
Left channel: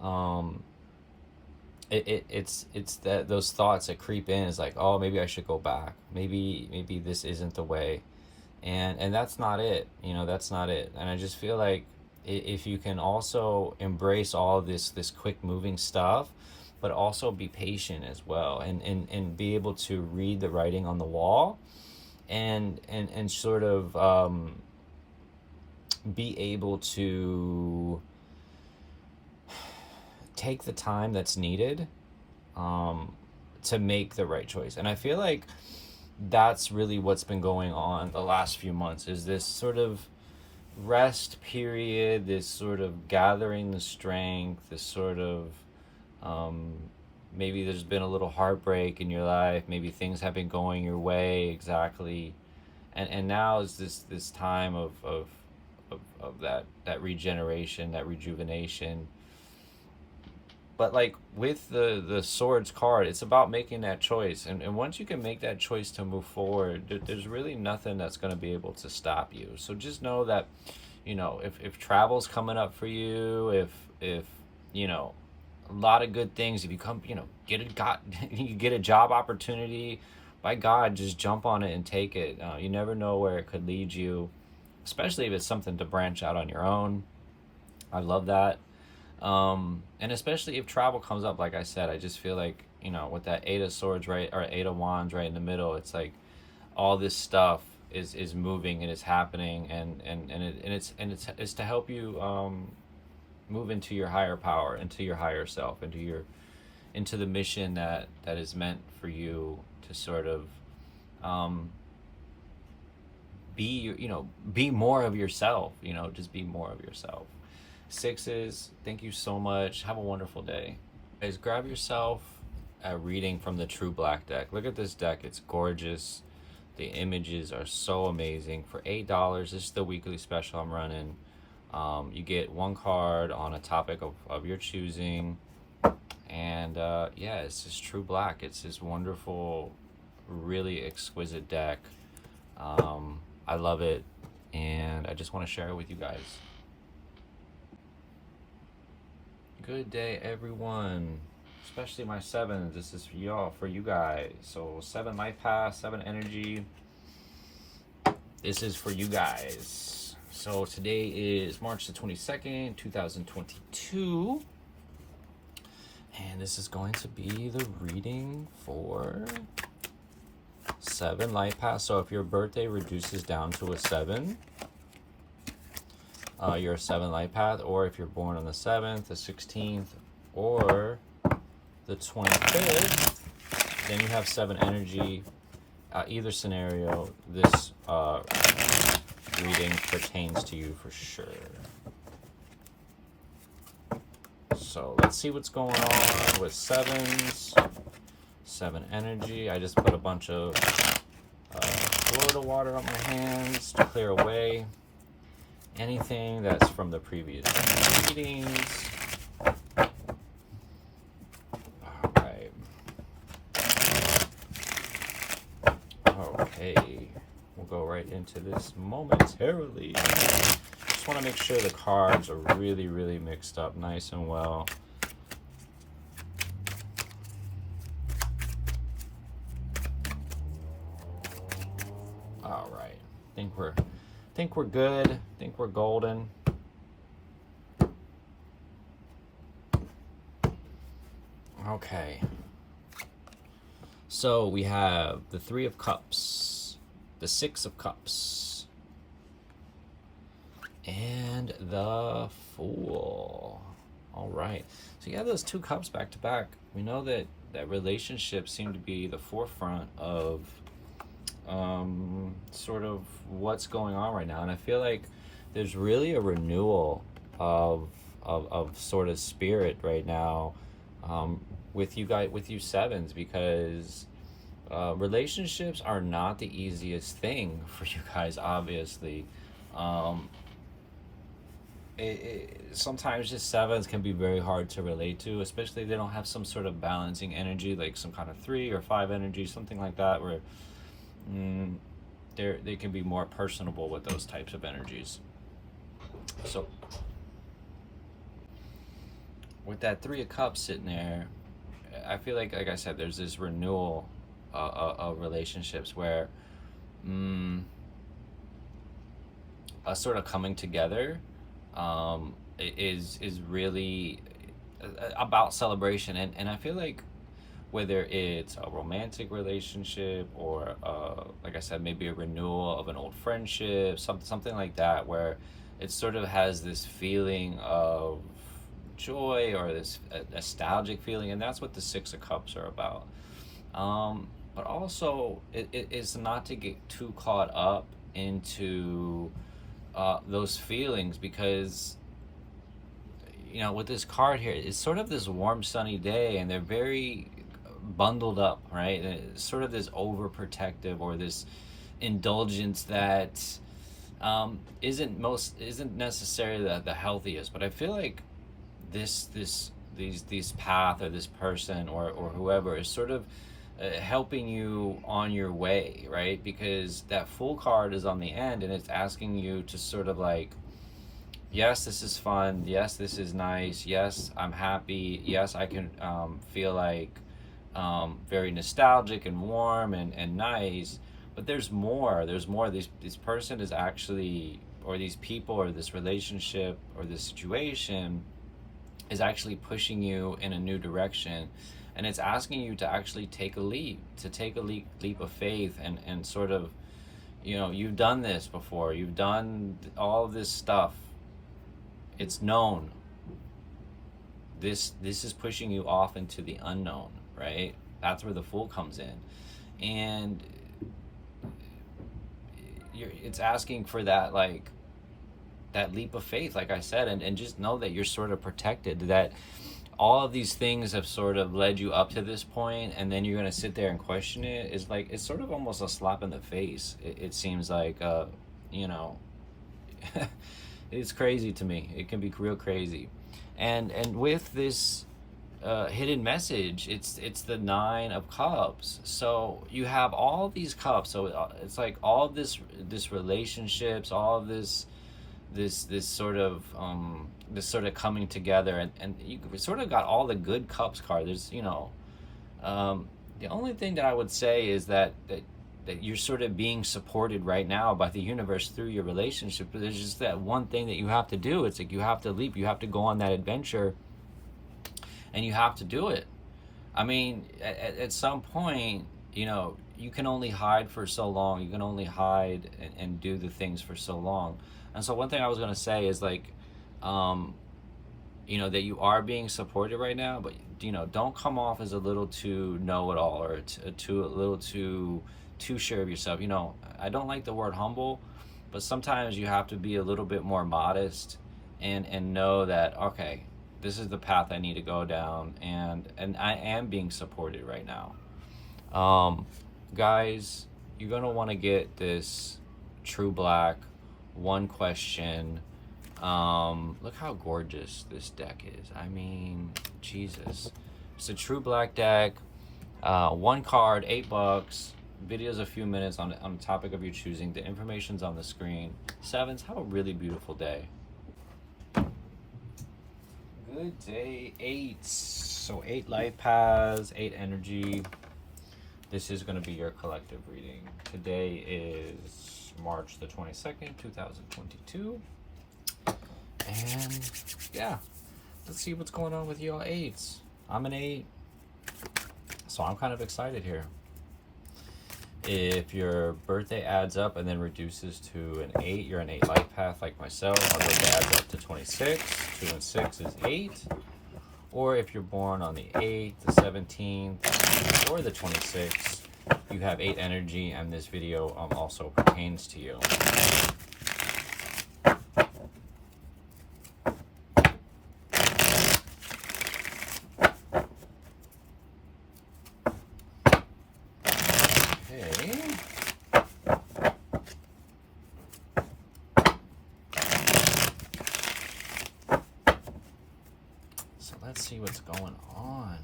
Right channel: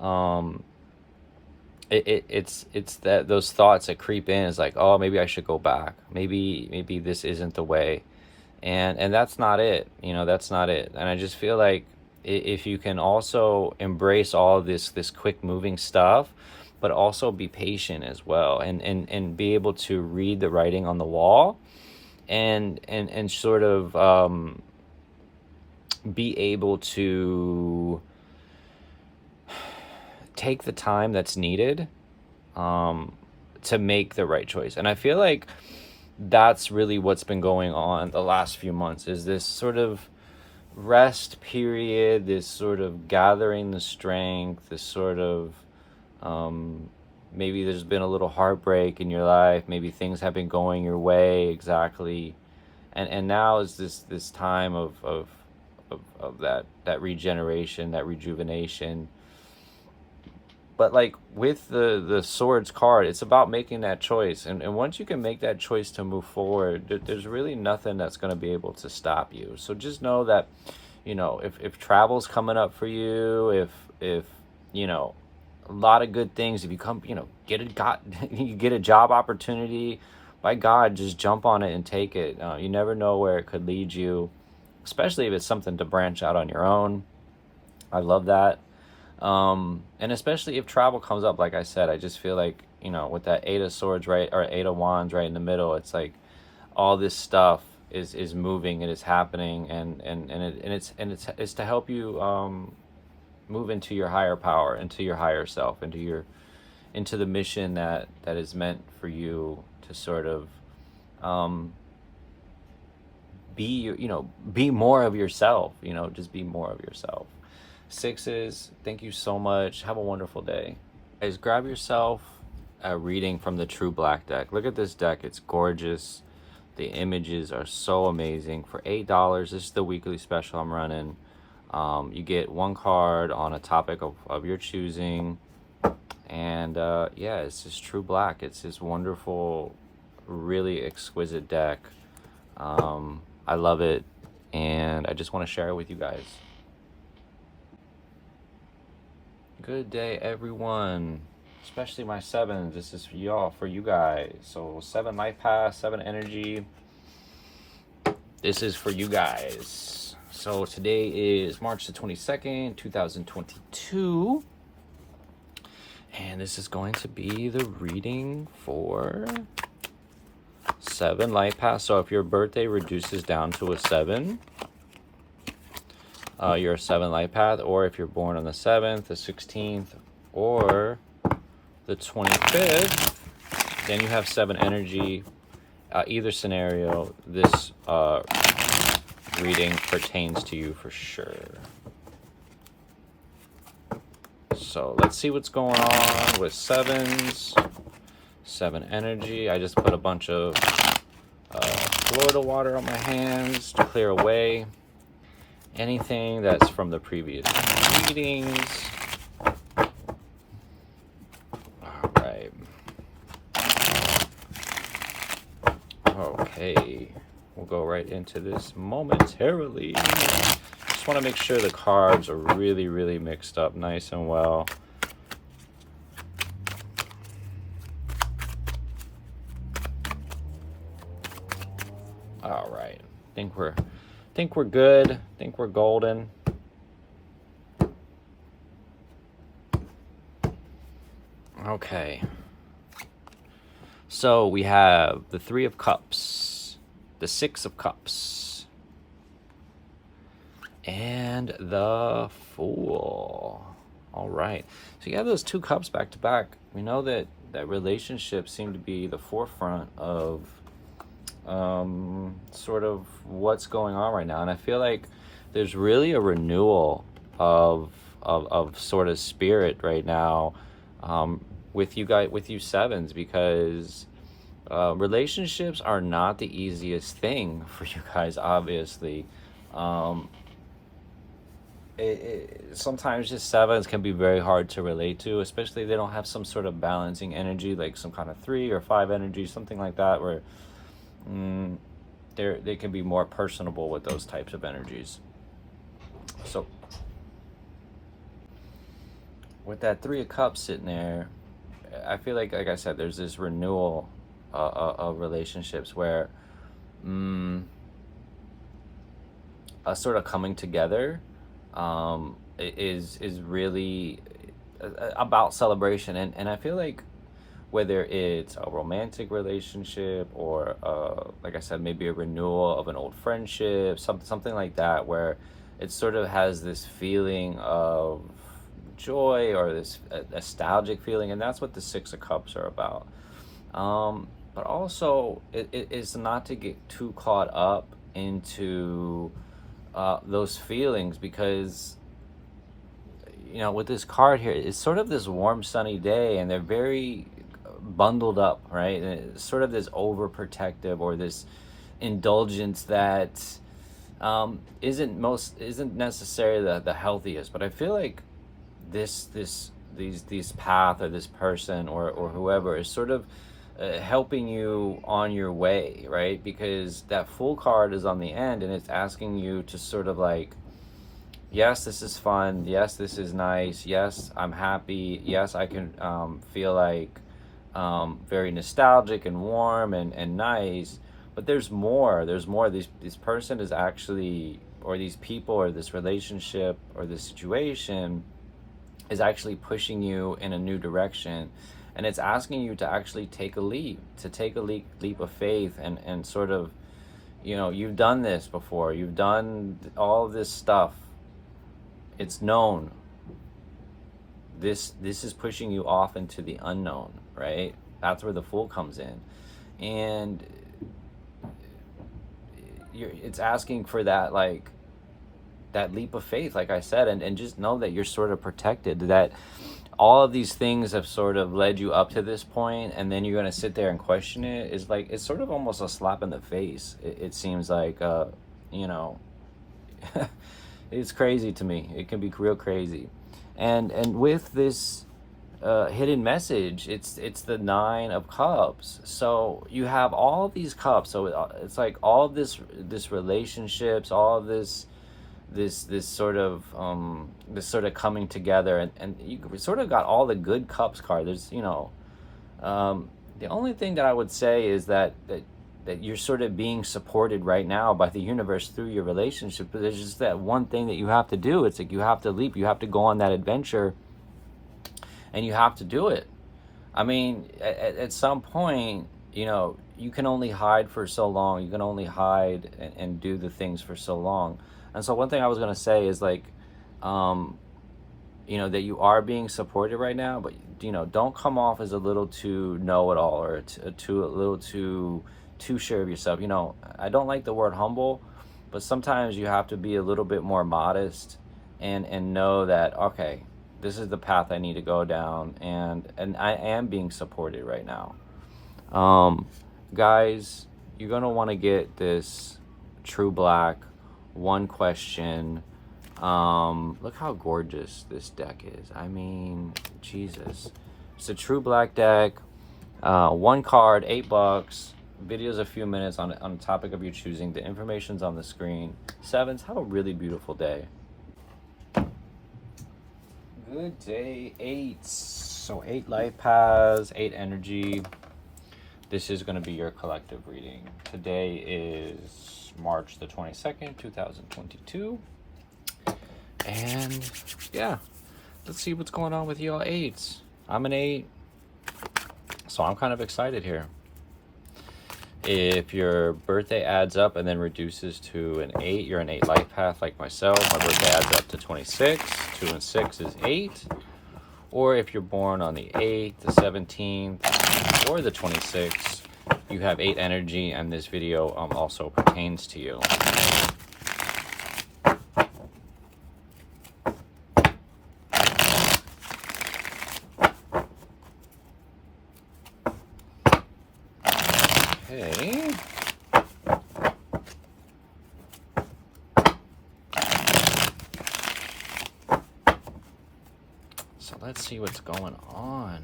um it's that those thoughts that creep in is like, oh, maybe I should go back, maybe this isn't the way. And that's not it, that's not it. And I just feel like if you can also embrace all of this quick moving stuff, but also be patient as well, and be able to read the writing on the wall, and sort of be able to take the time that's needed to make the right choice. And I feel like that's really what's been going on the last few months, is this sort of rest period, this sort of gathering the strength, this sort of maybe there's been a little heartbreak in your life, maybe things have been going your way exactly, and now is this time of that regeneration, that rejuvenation. But like with the swords card, it's about making that choice, and once you can make that choice to move forward, there's really nothing that's going to be able to stop you. So just know that, if travel's coming up for you, if a lot of good things, if you come, you get a job opportunity, by God, just jump on it and take it. You never know where it could lead you, especially if it's something to branch out on your own. I love that. And especially if travel comes up, like I said, I just feel like, with that Eight of Swords, right, or Eight of Wands right in the middle, it's like all this stuff is moving, it is happening, and it's to help you move into your higher power, into your higher self, into the mission that is meant for you to sort of be more of yourself, just be more of yourself. Sixes, thank you so much. Have a wonderful day. Guys, grab yourself a reading from the True Black deck. Look at this deck. It's gorgeous. The images are so amazing. For $8, this is the weekly special I'm running. You get one card on a topic of your choosing. And yeah, it's this True Black. It's this wonderful, really exquisite deck. I love it. And I just want to share it with you guys. Good day, everyone, especially my sevens. This is for y'all, for you guys. So 7 LifePath's, 7 energy. This is for you guys. So today is March the 22nd, 2022. And this is going to be the reading for 7 LifePath's. So if your birthday reduces down to a 7, you're a 7 LifePath. Or if you're born on the 7th, the 16th, or the 25th, then you have 7 energy. Either scenario, this reading pertains to you for sure. So let's see what's going on with 7s. 7 energy. I just put a bunch of Florida water on my hands to clear away anything that's from the previous readings. All right. Okay. We'll go right into this momentarily. Just want to make sure the cards are really, really mixed up nice and well. All right. Think we're good. Think we're golden. Okay. So we have the 3 of Cups, the 6 of Cups, and the Fool. All right. So you have those 2 cups back to back. We know that relationships seem to be the forefront of sort of what's going on right now, and I feel like there's really a renewal of sort of spirit right now with you guys, with you 7s, because relationships are not the easiest thing for you guys, obviously. Sometimes just 7s can be very hard to relate to, especially if they don't have some sort of balancing energy, like some kind of 3 or 5 energy, something like that, where they can be more personable with those types of energies. So with that Three of Cups sitting there, I feel like I said, there's this renewal of relationships where a sort of coming together is really about celebration, and I feel like whether it's a romantic relationship or like I said, maybe a renewal of an old friendship, something like that, where it sort of has this feeling of joy or this nostalgic feeling, and that's what the Six of Cups are about. But also it's not to get too caught up into those feelings, because with this card here, it's sort of this warm sunny day and they're very bundled up, right? And it's sort of this overprotective or this indulgence that isn't necessarily the healthiest. But I feel like these path or this person or whoever is sort of helping you on your way, right? Because that Fool card is on the end and it's asking you to sort of like, yes, this is fun, yes, this is nice, yes, I'm happy, yes, I can feel like very nostalgic and warm and nice, but there's more. This person is actually, or these people or this relationship or this situation is actually pushing you in a new direction, and it's asking you to actually take a leap of faith and sort of, you've done this before, you've done all of this stuff, it's known. This is pushing you off into the unknown, right? That's where the Fool comes in, and it's asking for that, like, that leap of faith, like I said, and just know that you're sort of protected, that all of these things have sort of led you up to this point, and then you're going to sit there and question it. Is like, it's sort of almost a slap in the face. It seems like, it's crazy to me. It can be real crazy. And with this hidden message, it's the Nine of Cups. So you have all of these cups. So it's like all of this relationships, all of this sort of coming together, and you sort of got all the good cups card. There's the only thing that I would say is that you're sort of being supported right now by the universe through your relationship, but there's just that one thing that you have to do. It's like you have to leap, you have to go on that adventure, and you have to do it. I mean, at some point, you can only hide for so long. You can only hide and do the things for so long. And so one thing I was going to say is like, that you are being supported right now, but, don't come off as a little too know-it-all or a little too sure of yourself. I don't like the word humble, but sometimes you have to be a little bit more modest and know that, okay, this is the path I need to go down, and I am being supported right now. Guys, you're going to want to get this True Black one question. Look how gorgeous this deck is. I mean, Jesus. It's a True Black deck. One card, $8. Video's a few minutes on the topic of your choosing. The information's on the screen. Sevens, have a really beautiful day. Good day, 8s. So 8 life paths, 8 energy. This is going to be your collective reading. Today is March the 22nd, 2022. And yeah, let's see what's going on with y'all 8s. I'm an 8, so I'm kind of excited here. If your birthday adds up and then reduces to an 8, you're an 8 life path like myself. My birthday adds up to 26. 2 and 6 is 8. Or if you're born on the 8th, the 17th, or the 26th, you have 8 energy, and this video also pertains to you. Okay. So let's see what's going on.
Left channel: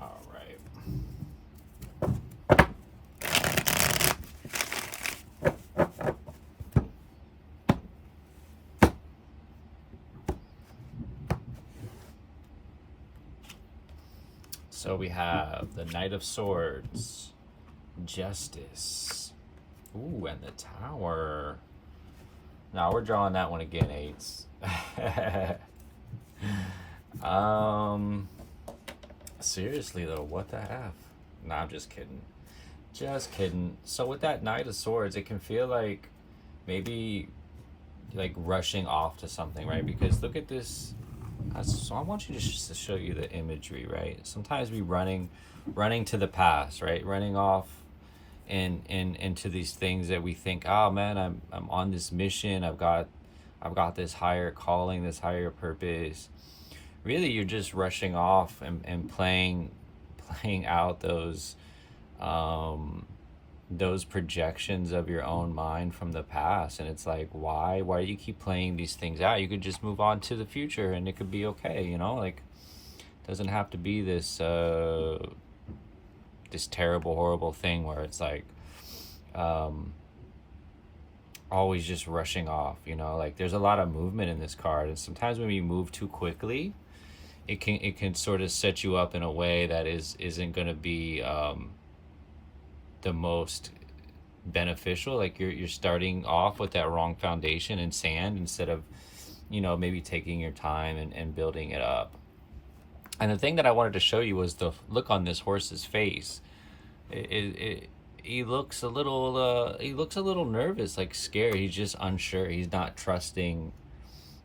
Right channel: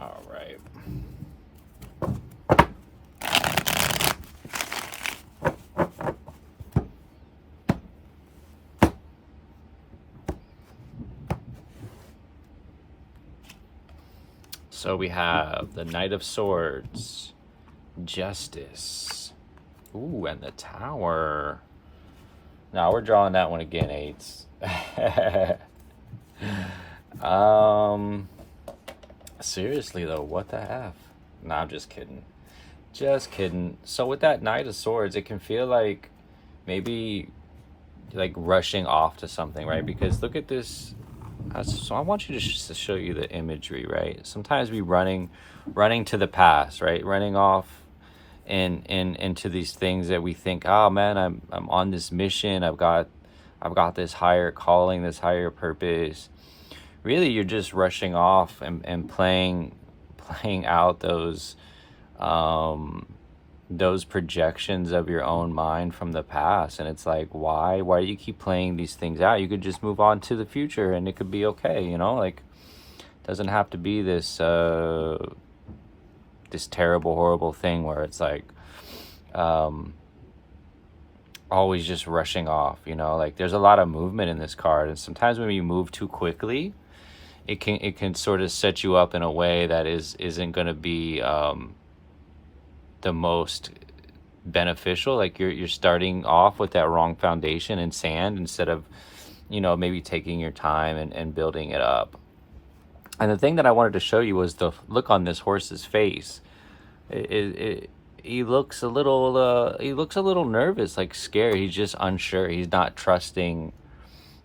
All right. So we have the Knight of Swords, Justice, ooh, and the Tower. Now we're drawing that one again, eights. Seriously though, what the F? Nah, I'm just kidding. Just kidding. So with that Knight of Swords, it can feel like maybe like rushing off to something, right? Because look at this. So I want you to show you the imagery, right? Sometimes we running to the past, right? Running off into these things that we think, oh man, I'm on this mission. I've got this higher calling, this higher purpose. Really, you're just rushing off and playing out those projections of your own mind from the past. And it's like, why do you keep playing these things out? You could just move on to the future and it could be okay, you know? Like, it doesn't have to be this this terrible, horrible thing where it's like always just rushing off, you know? Like, there's a lot of movement in this card, and sometimes when you move too quickly, it can sort of set you up in a way that isn't going to be the most beneficial. Like, you're starting off with that wrong foundation in sand instead of, you know, maybe taking your time and building it up. And the thing that I wanted to show you was the look on this horse's face. He looks a little nervous, like scared. He's just unsure. He's not trusting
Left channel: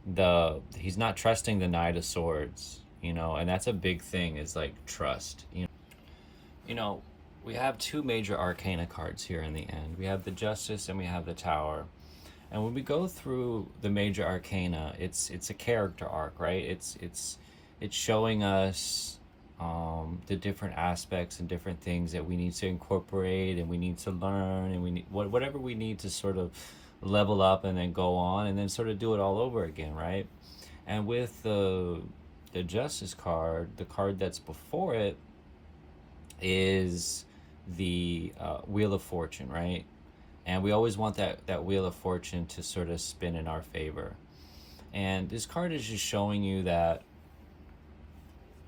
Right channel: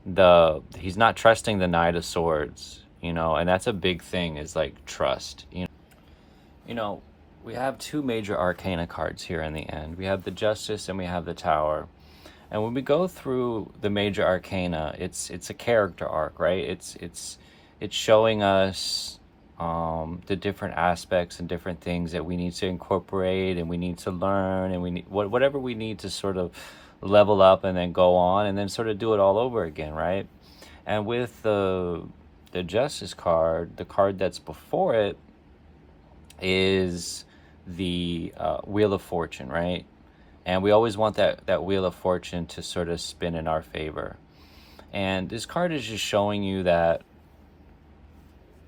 the Knight of Swords, you know. And that's a big thing, is like trust, you know. We have two major arcana cards here in the end. We have the Justice and we have the Tower. And when we go through the major arcana, it's a character arc, right? It's showing us the different aspects and different things that we need to incorporate and we need to learn, and we need whatever we need to sort of level up and then go on and then sort of do it all over again, right? And with the Justice card, the card that's before it is the Wheel of Fortune, right? And we always want that Wheel of Fortune to sort of spin in our favor. And this card is just showing you that,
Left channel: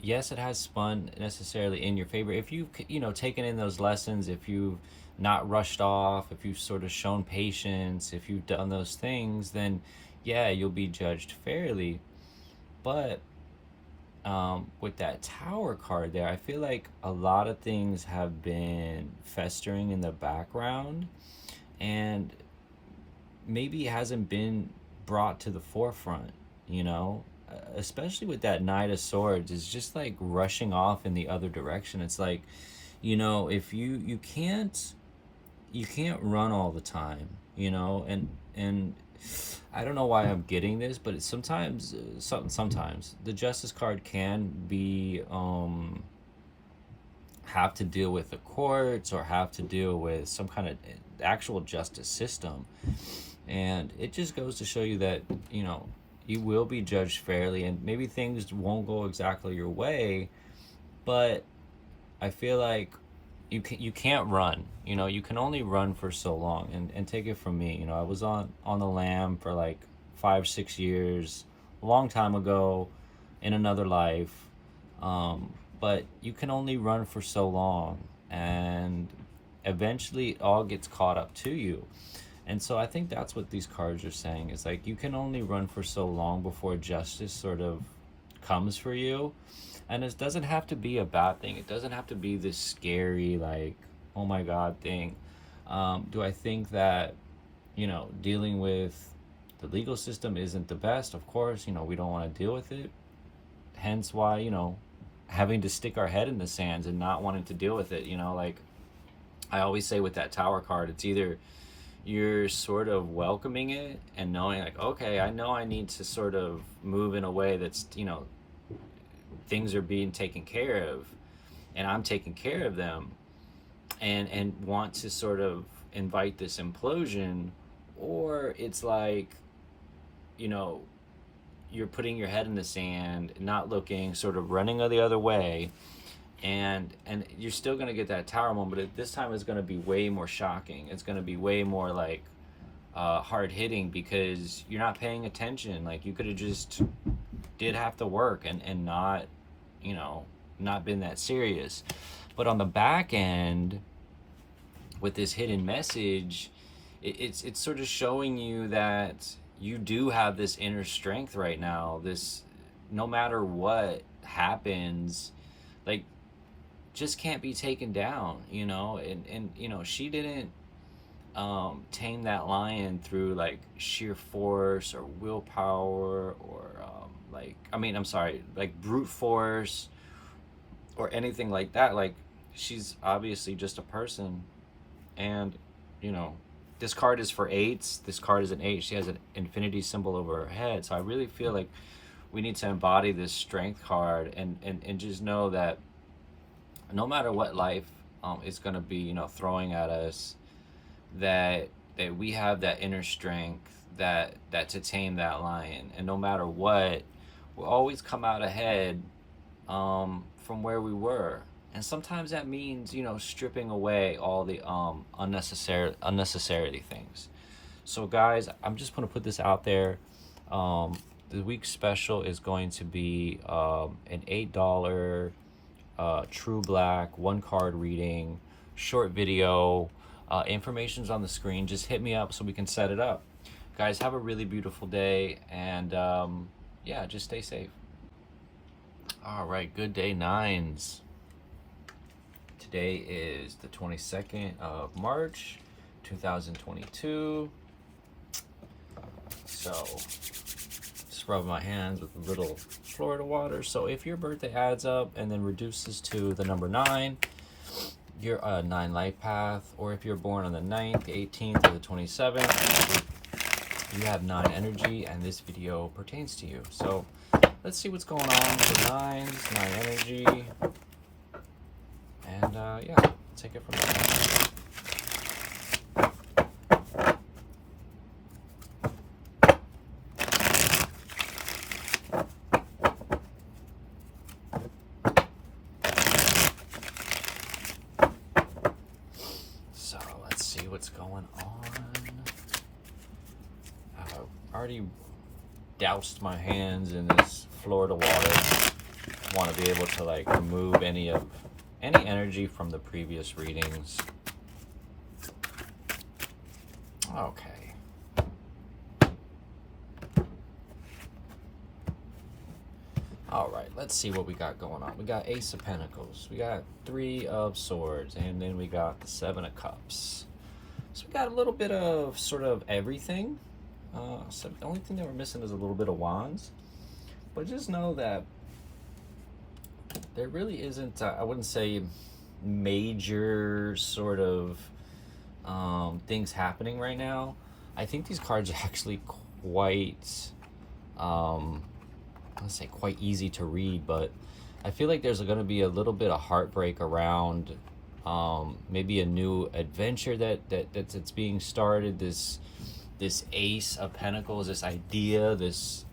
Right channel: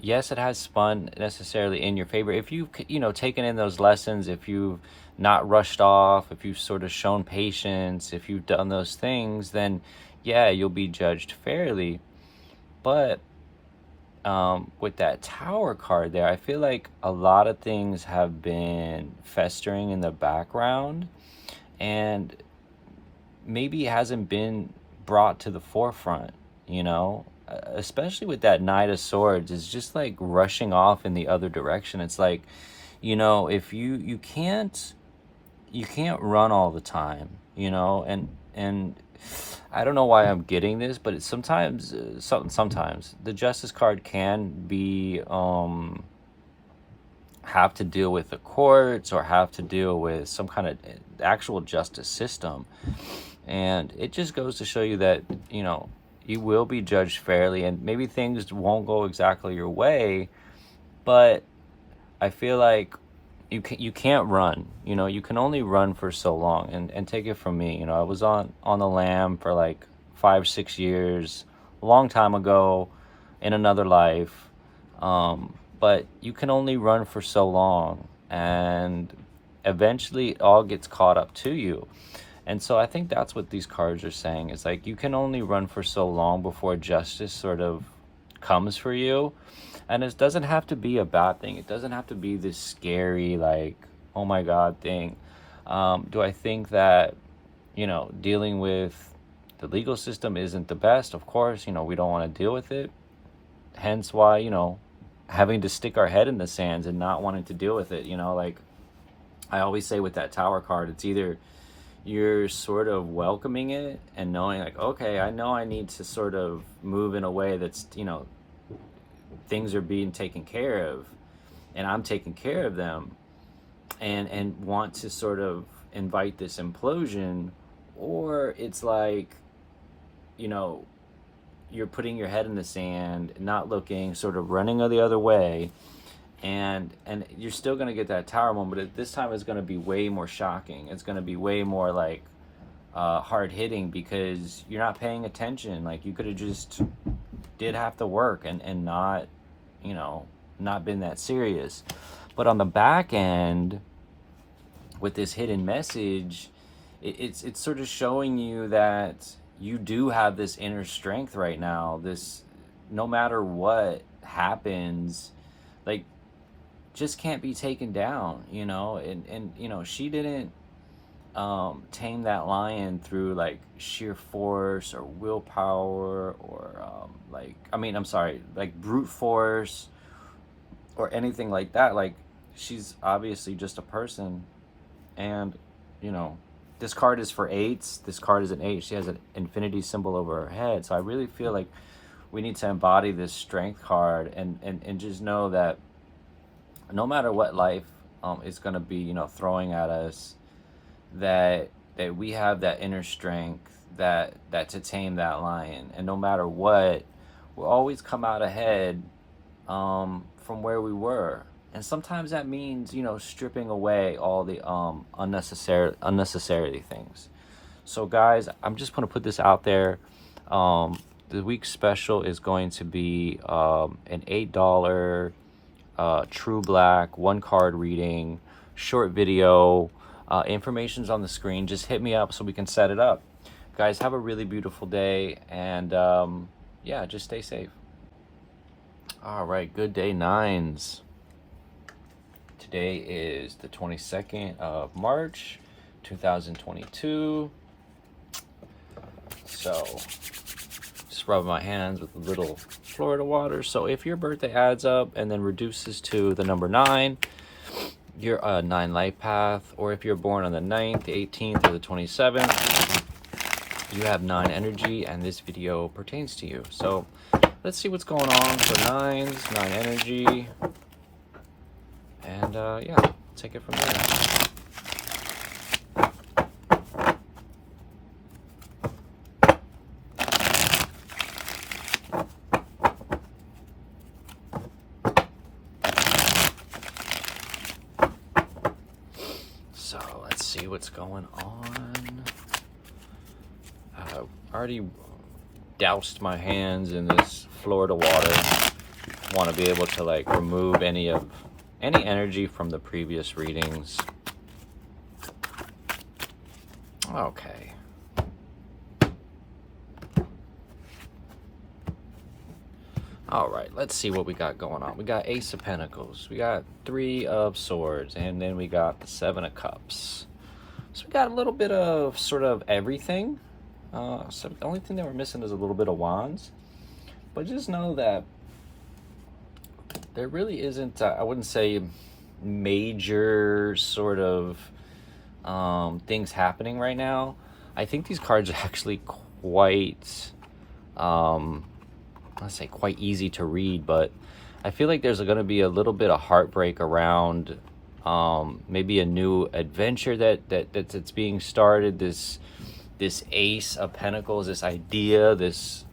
yes, it has spun necessarily in your favor. If you've, you know, taken in those lessons, if you've not rushed off, if you've sort of shown patience, if you've done those things, then yeah, you'll be judged fairly. But with that Tower card there, I feel like a lot of things have been festering in the background and maybe hasn't been brought to the forefront, you know? Especially with that Knight of Swords, it's just like rushing off in the other direction. It's like, you know, if you can't run all the time, you know, and I don't know why I'm getting this, but it's sometimes the Justice card can be have to deal with the courts or have to deal with some kind of actual justice system, and it just goes to show you that, you know, you will be judged fairly, and maybe things won't go exactly your way, but I feel like you can't run, you know. You can only run for so long. And take it from me, you know, I was on the lam for like 5-6 years, a long time ago, in another life, but you can only run for so long, and eventually it all gets caught up to you. And so I think that's what these cards are saying. It's like, you can only run for so long before justice sort of comes for you. And it doesn't have to be a bad thing. It doesn't have to be this scary, like, oh my God thing. Do I think that, you know, dealing with the legal system isn't the best? Of course, you know, we don't want to deal with it. Hence why, you know, having to stick our head in the sands and not wanting to deal with it, you know. Like I always say with that Tower card, it's either you're sort of welcoming it and knowing like, okay, I know I need to sort of move in a way that's, you know, things are being taken care of and I'm taking care of them, and want to sort of invite this implosion, or it's like, you know, you're putting your head in the sand, not looking, sort of running the other way, and you're still going to get that Tower moment, but this time it's going to be way more shocking. It's going to be way more like hard hitting, because you're not paying attention. Like, you could have just did have to work and not, you know, not been that serious. But on the back end, with this hidden message, it's sort of showing you that you do have this inner strength right now. This, no matter what happens, like, just can't be taken down, you know. And you know, she didn't tame that lion through like sheer force or willpower or like, I mean, I'm sorry, like brute force or anything like that. Like, she's obviously just a person. And you know, this card is for eights. This card is an eight. She has an infinity symbol over her head. So I really feel like we need to embody this strength card and just know that no matter what life is going to be, you know, throwing at us, that we have that inner strength that to tame that lion. And no matter what, we'll always come out ahead from where we were. And sometimes that means, you know, stripping away all the unnecessary things. So guys, I'm just going to put this out there. The week's special is going to be an $8 True Black 1-card reading, short video. Information's on the screen. Just hit me up so we can set it up. Guys, have a really beautiful day, and yeah, just stay safe. All right, good day, nines. Today is the 22nd of March, 2022. So, just rub my hands with a little Florida water. So if your birthday adds up and then reduces to the number 9, you're a 9 life path. Or if you're born on the 9th, the 18th, or the 27th, you have 9 energy, and this video pertains to you. So let's see what's going on for 9s, 9 energy. And yeah, take it from there. So let's see what's going on. I've already doused my hands in this Florida water. Want to be able to like remove any energy from the previous readings. Okay. All right, let's see what we got going on. We got Ace of Pentacles, we got 3 of Swords, and then we got the 7 of Cups. So we got a little bit of sort of everything. So the only thing that we're missing is a little bit of Wands. But just know that there really isn't, I wouldn't say major sort of things happening right now. I think these cards are actually quite, let's say quite easy to read, but I feel like there's going to be a little bit of heartbreak around maybe a new adventure that's being started. This Ace of Pentacles, this idea, this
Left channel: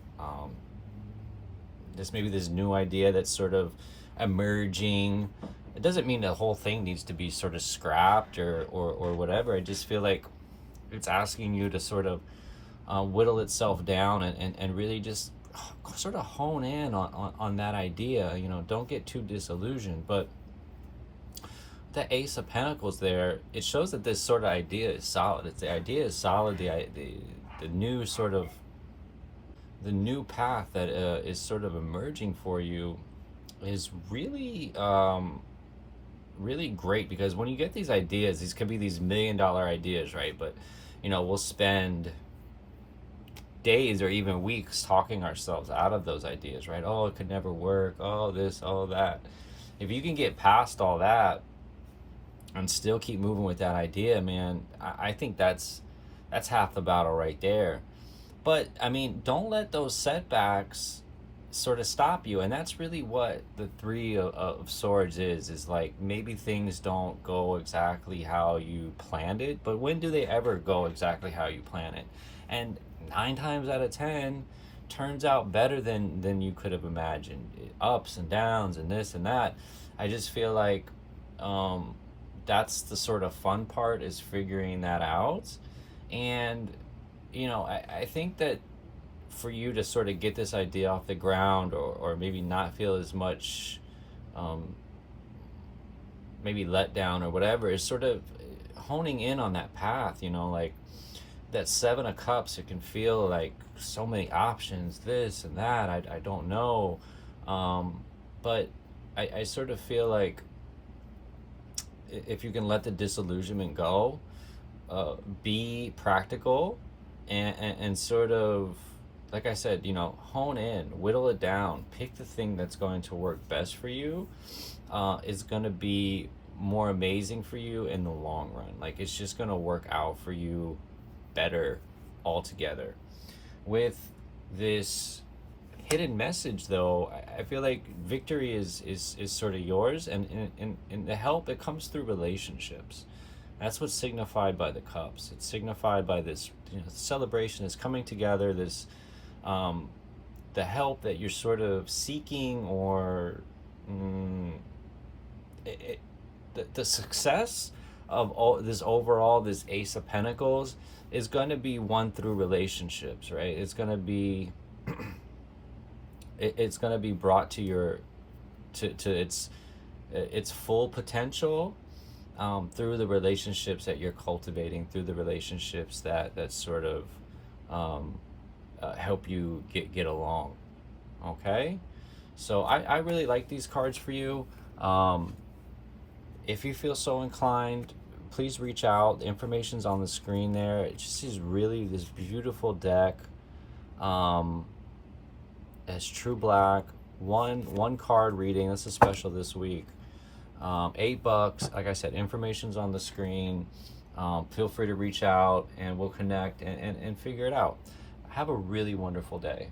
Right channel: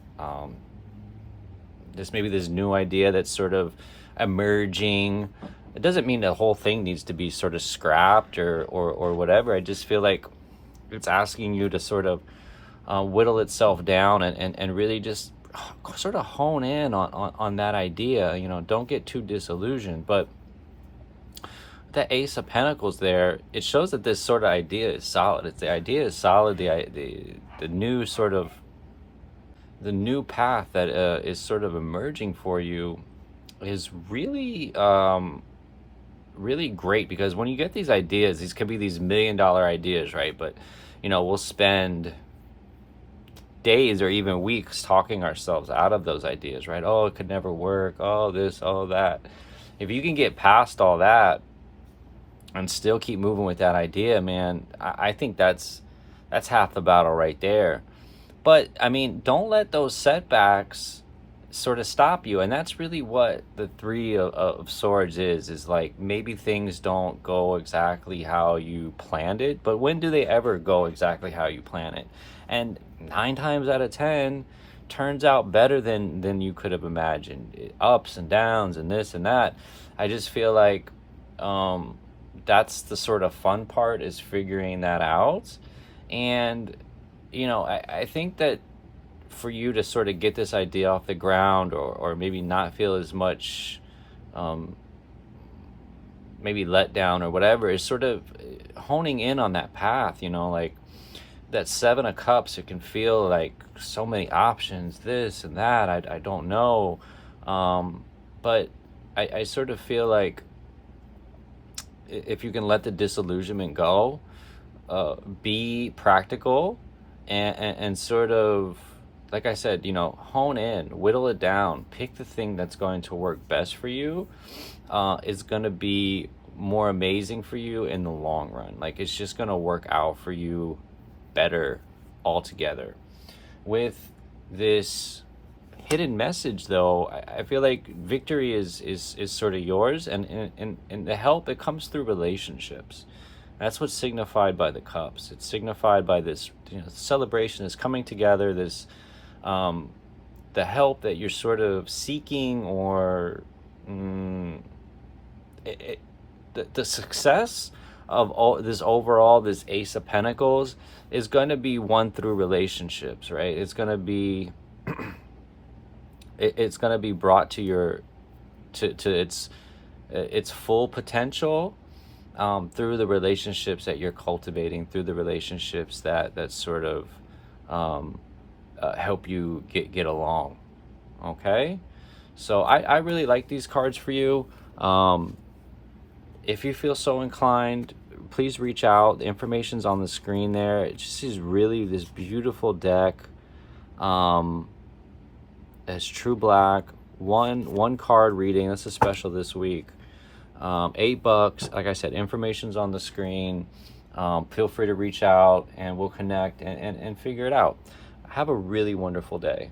maybe this new idea that's sort of emerging. It doesn't mean the whole thing needs to be sort of scrapped or whatever. I just feel like it's asking you to sort of whittle itself down and really just sort of hone in on that idea. You know, don't get too disillusioned. But the Ace of Pentacles there, it shows that this sort of idea is solid. It's the idea is solid. The new sort of the new path that is sort of emerging for you is really really great, because when you get these ideas, these could be these $1 million ideas, right? But you know, we'll spend days or even weeks talking ourselves out of those ideas, right? Oh, it could never work. Oh, this, oh, that. If you can get past all that and still keep moving with that idea, man, I think that's half the battle right there. But I mean, don't let those setbacks sort of stop you. And that's really what the 3 of Swords is like. Maybe things don't go exactly how you planned it, but when do they ever go exactly how you plan it? And 9 times out of 10 turns out better than you could have imagined. Ups and downs and this and that. I just feel like that's the sort of fun part, is figuring that out. And you know, I think that for you to sort of get this idea off the ground, or maybe not feel as much maybe let down or whatever, is sort of honing in on that path, you know, like that Seven of Cups. It can feel like so many options, this and that, I don't know, but I sort of feel like if you can let the disillusionment go, be practical, and sort of, like I said, you know, hone in, whittle it down, pick the thing that's going to work best for you, is going to be more amazing for you in the long run. Like, it's just going to work out for you better altogether. With this hidden message, though, I feel like victory is sort of yours, and the help, it comes through relationships. That's what's signified by the cups. It's signified by this, you know, celebration, this coming together, this the help that you're sort of seeking, or the success of all this overall, this Ace of Pentacles, is going to be won through relationships, right? It's going to be it's going to be brought to your to its full potential, through the relationships that you're cultivating, through the relationships that sort of help you get along. Okay, so I really like these cards for you. If you feel so inclined, please reach out. The information's on the screen there. It just is really this beautiful deck. It's true black, one card reading. That's a special this week. $8. Like I said, information's on the screen. Feel free to reach out, and we'll connect and figure it out. Have a really wonderful day.